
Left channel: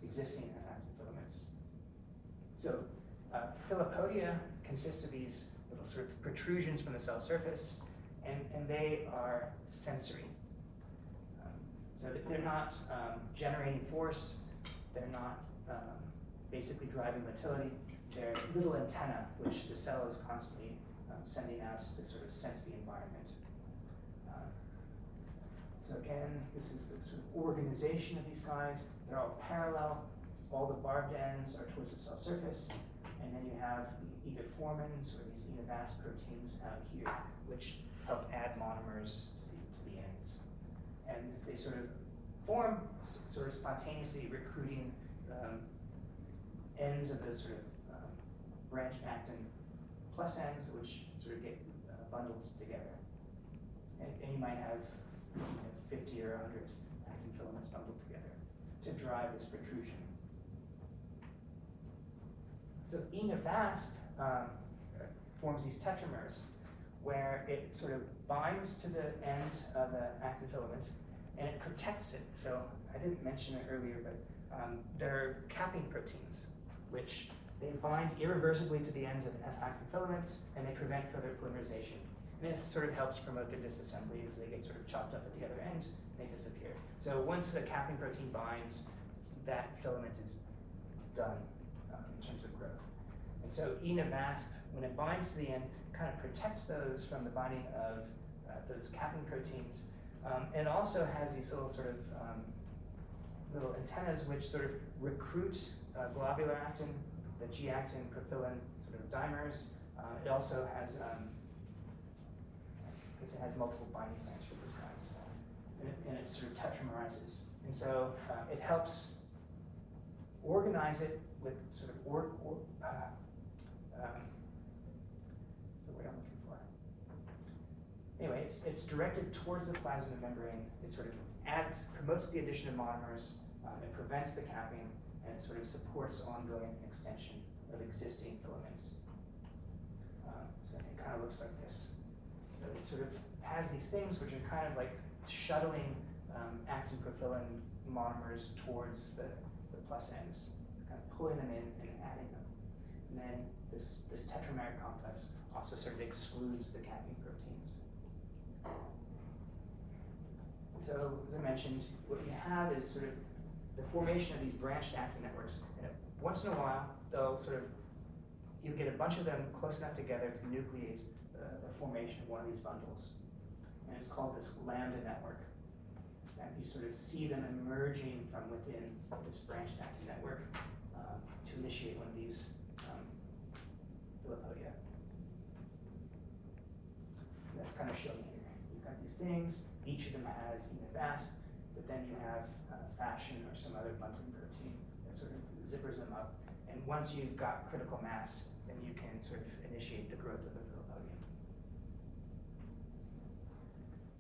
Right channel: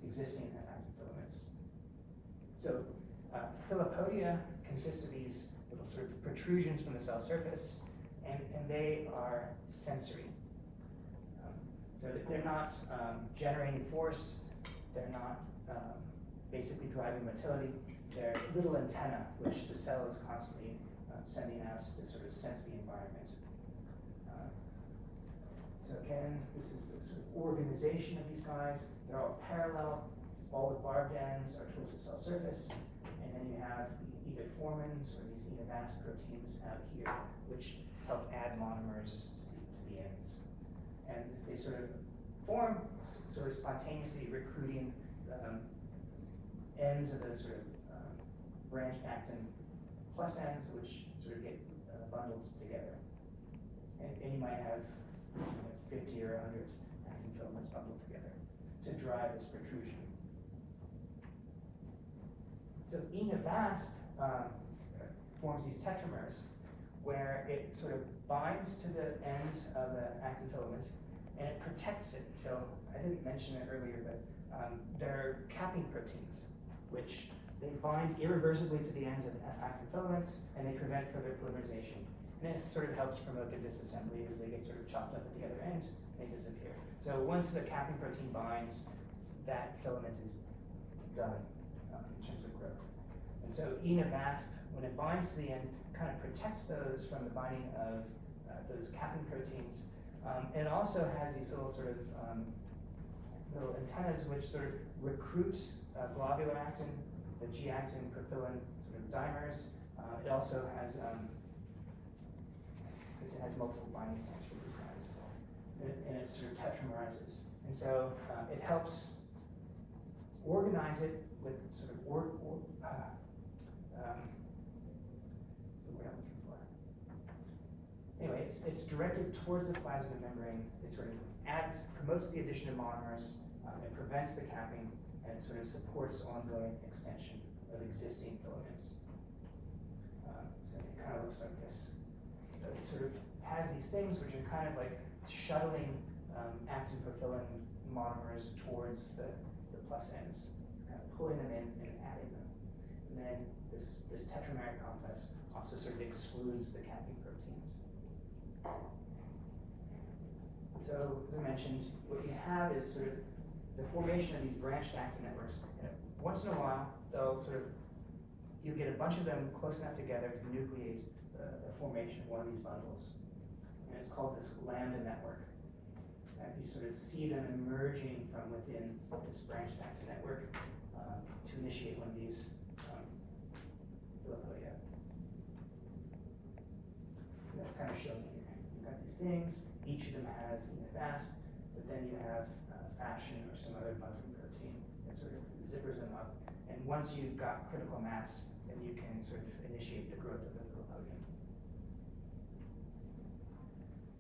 existing F-actin filaments. So Filopodia consist of these little sort of protrusions from the cell surface, and they are sensory. So they're not generating force, they're not basically driving motility, they're little antennae which the cell is constantly sending out to sort of sense the environment. So again, this is the sort of organization of these guys. They're all parallel. all the barbed ends are towards the cell surface, and then you have either formins or these enivasc proteins out here, which help add monomers to the ends. And they sort of form sort of spontaneously, recruiting ends of those sort of branched actin plus ends, which sort of get bundled together. And you might have 50 or 100 actin filaments bundled together to drive this protrusion. So enivasc forms these tetramers where it sort of binds to the end of the actin filament and it protects it. So I didn't mention it earlier, but they're capping proteins, which they bind irreversibly to the ends of actin filaments and they prevent further polymerization. And it sort of helps promote the disassembly as they get sort of chopped up at the other end, they disappear. So once the capping protein binds, that filament is done in terms of growth. And so enivasc, when it binds to the end, kind of protects those from the binding of those capping proteins, and also has these little sort of little antennas which sort of recruit globular actin, the G-actin, profilin sort of dimers. It also has multiple binding sites for these guys, and it sort of tetramerizes. And so it helps organize it with sort of what's the word I'm looking for? Anyway, it's directed towards the plasma membrane. It sort of promotes the addition of monomers. It prevents the capping, and it sort of supports ongoing extension of existing filaments. So it kind of looks like this. So it sort of has these things which are kind of like shuttling actin profilin monomers towards the plus ends, kind of pulling them in and adding them. And then this tetramer complex also sort of excludes the capping proteins. And so, as I mentioned, what you have is sort of the formation of these branched actin networks. And once in a while, you'll get a bunch of them close enough together to nucleate the formation of one of these bundles. And it's called this lambda network. And you sort of see them emerging from within this branched actin network to initiate one of these filopodia. And that's kind of shown here. You've got these things, each of them has enivasc, but then you have fasciin or some other bundling protein that sort of zippers them up. And once you've got critical mass, then you can sort of initiate the growth of the filopodium.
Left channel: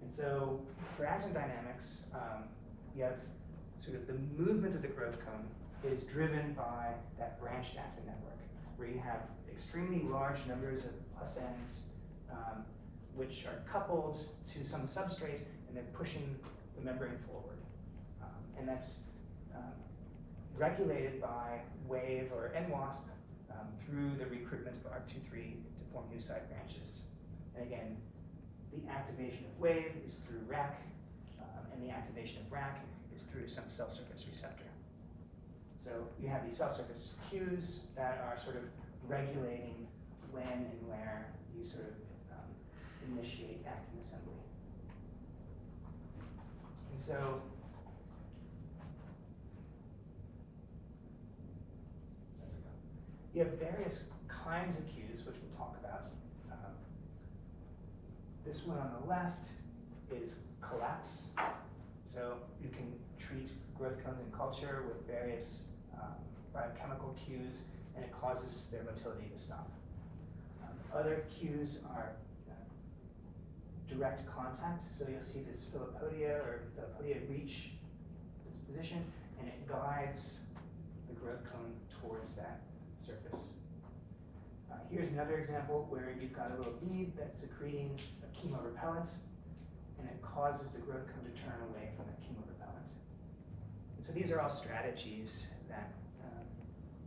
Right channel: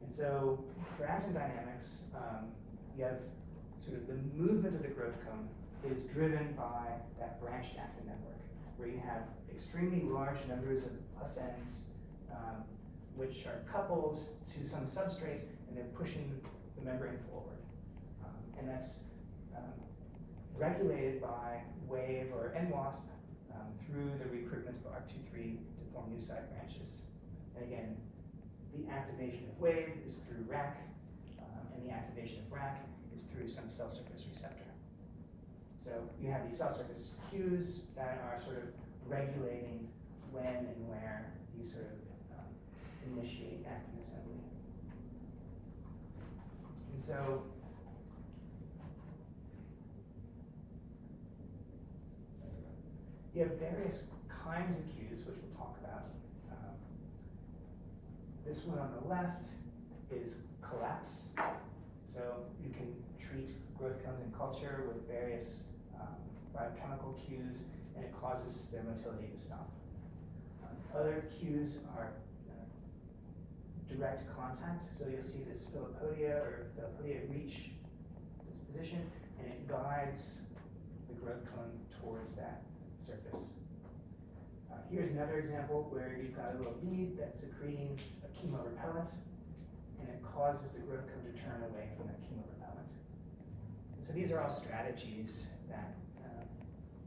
And so for actin dynamics, you have sort of the movement of the growth cone is driven by that branched actin network, where you have extremely large numbers of plus ends, which are coupled to some substrate, and they're pushing the membrane forward. And that's regulated by WAVE or NWASP through the recruitment of ARC23 to form new side branches. And again, the activation of WAVE is through RAC, and the activation of RAC is through some cell surface receptor. So you have these cell surface cues that are sort of regulating when and where you sort of initiate actin assembly. And so you have various kinds of cues, which we'll talk about. This one on the left is collapse. So you can treat growth cones in culture with various biochemical cues, and it causes their motility to stop. Other cues are direct contact. So you'll see this filopodia reach this position, and it guides the growth cone towards that surface. Here's another example where you've got a little bead that's secreting a chemorepellent, and it causes the growth cone to turn away from that chemorepellent. And so these are all strategies that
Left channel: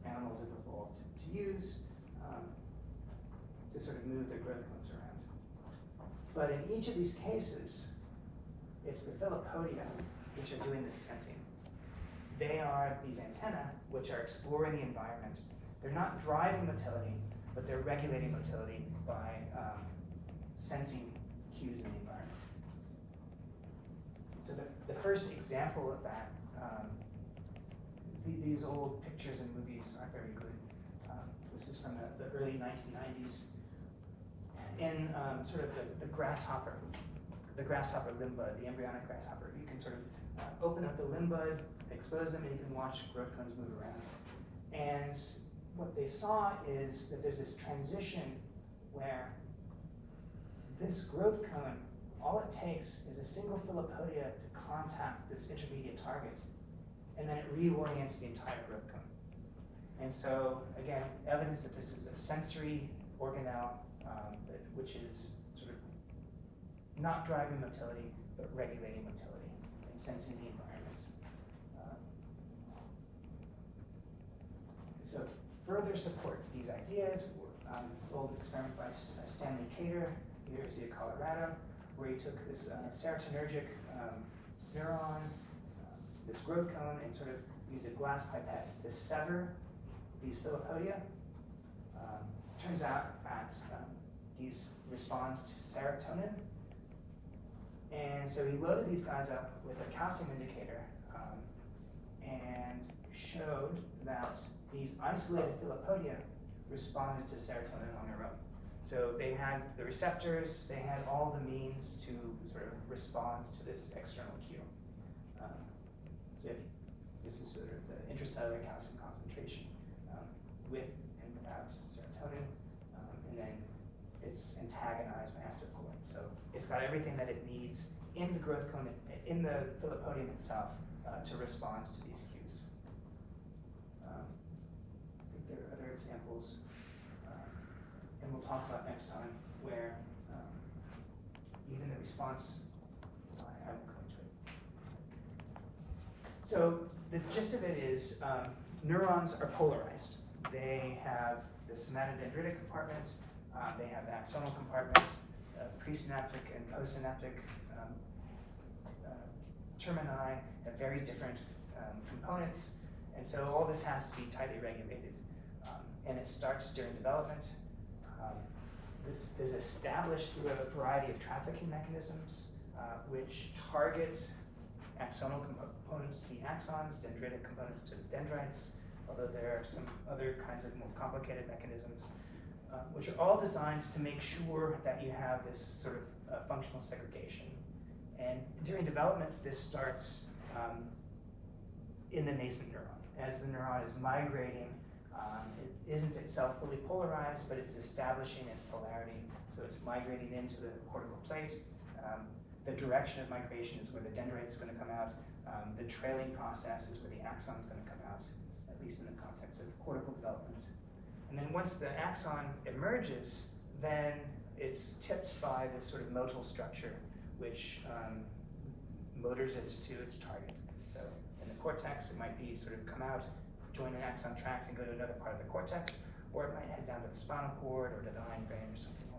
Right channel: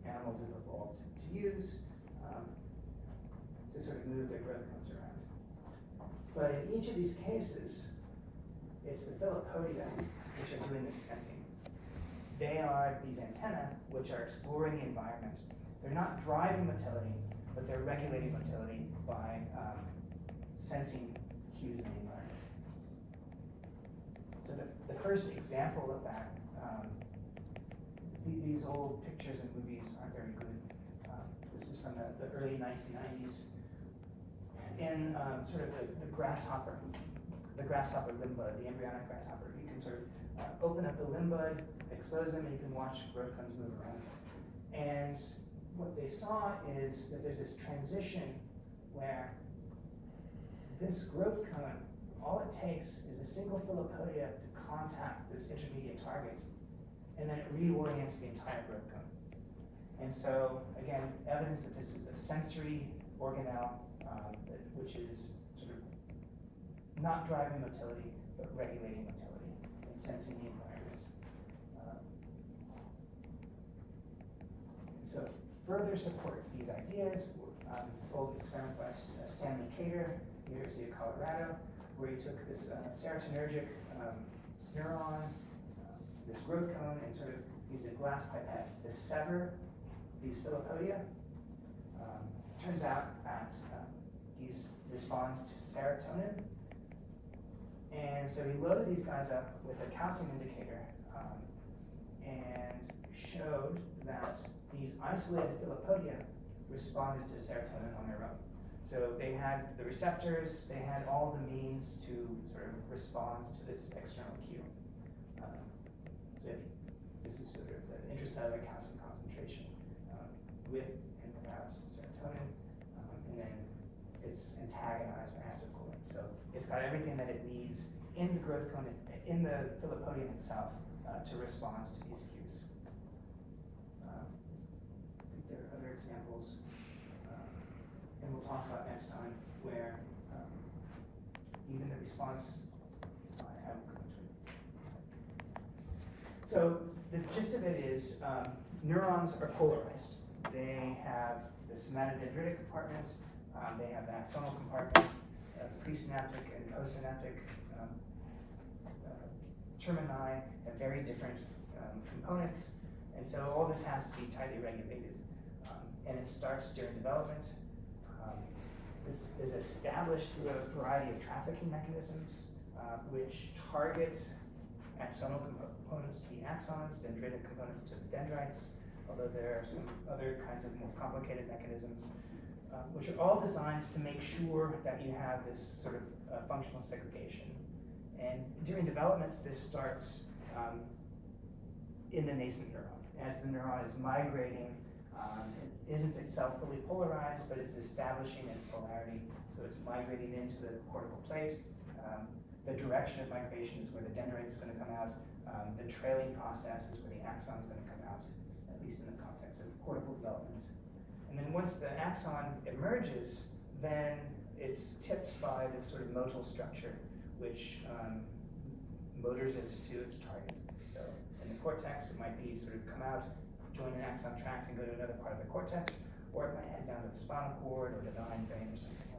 animals have evolved to use to sort of move their growth cones around. But in each of these cases, it's the filopodia which are doing this sensing. They are these antennae which are exploring the environment. They're not driving motility, but they're regulating motility by sensing cues in the environment. So the first example of that, these old pictures and movies aren't very good. This is from the early 1990s. In sort of the grasshopper limb bud, the embryonic grasshopper, you can sort of open up the limb bud, expose them, and you can watch growth cones move around. And what they saw is that there's this transition where this growth cone, all it takes is a single filopodia to contact this intermediate target, and then it reorients the entire growth cone. And so, again, evidence that this is a sensory organelle, which is sort of not driving motility, but regulating motility and sensing the environment. So further support for these ideas, this old experiment by Stanley Cater, University of Colorado, where he took this serotonergic neuron, this growth cone, and sort of used a glass pipette to sever these filopodia. Turns out that these responds to serotonin. And so he loaded these guys up with a calcium indicator and showed that these isolated filopodia responded to serotonin on their own. So they had the receptors, they had all the means to sort of respond to this external cue. So this is sort of the intracellular calcium concentration with and without serotonin, and then it's antagonized by acetylcholine. So it's got everything that it needs in the growth cone, in the filopodium itself, to respond to these cues. I think there are other examples, and we'll talk about next time, where even the response, I won't come to it. So the gist of it is neurons are polarized. They have the somatodendritic compartment, they have the axonal compartment, presynaptic and postsynaptic termini have very different components, and so all this has to be tightly regulated. And it starts during development. This is established through a variety of trafficking mechanisms, which target axonal components to the axons, dendritic components to the dendrites, although there are some other kinds of more complicated mechanisms, which are all designed to make sure that you have this sort of functional segregation. And during development, this starts in the nascent neuron. As the neuron is migrating, it isn't itself fully polarized, but it's establishing its polarity. So it's migrating into the cortical plate. The direction of migration is where the dendrite is going to come out. The trailing process is where the axon is going to come out, at least in the context of cortical development. And then once the axon emerges, then it's tipped by this sort of motile structure, which motors it to its target. So in the cortex, it might be sort of come out, join an axon tracts and go to another part of the cortex, or it might head down to the spinal cord or to the hindbrain or something.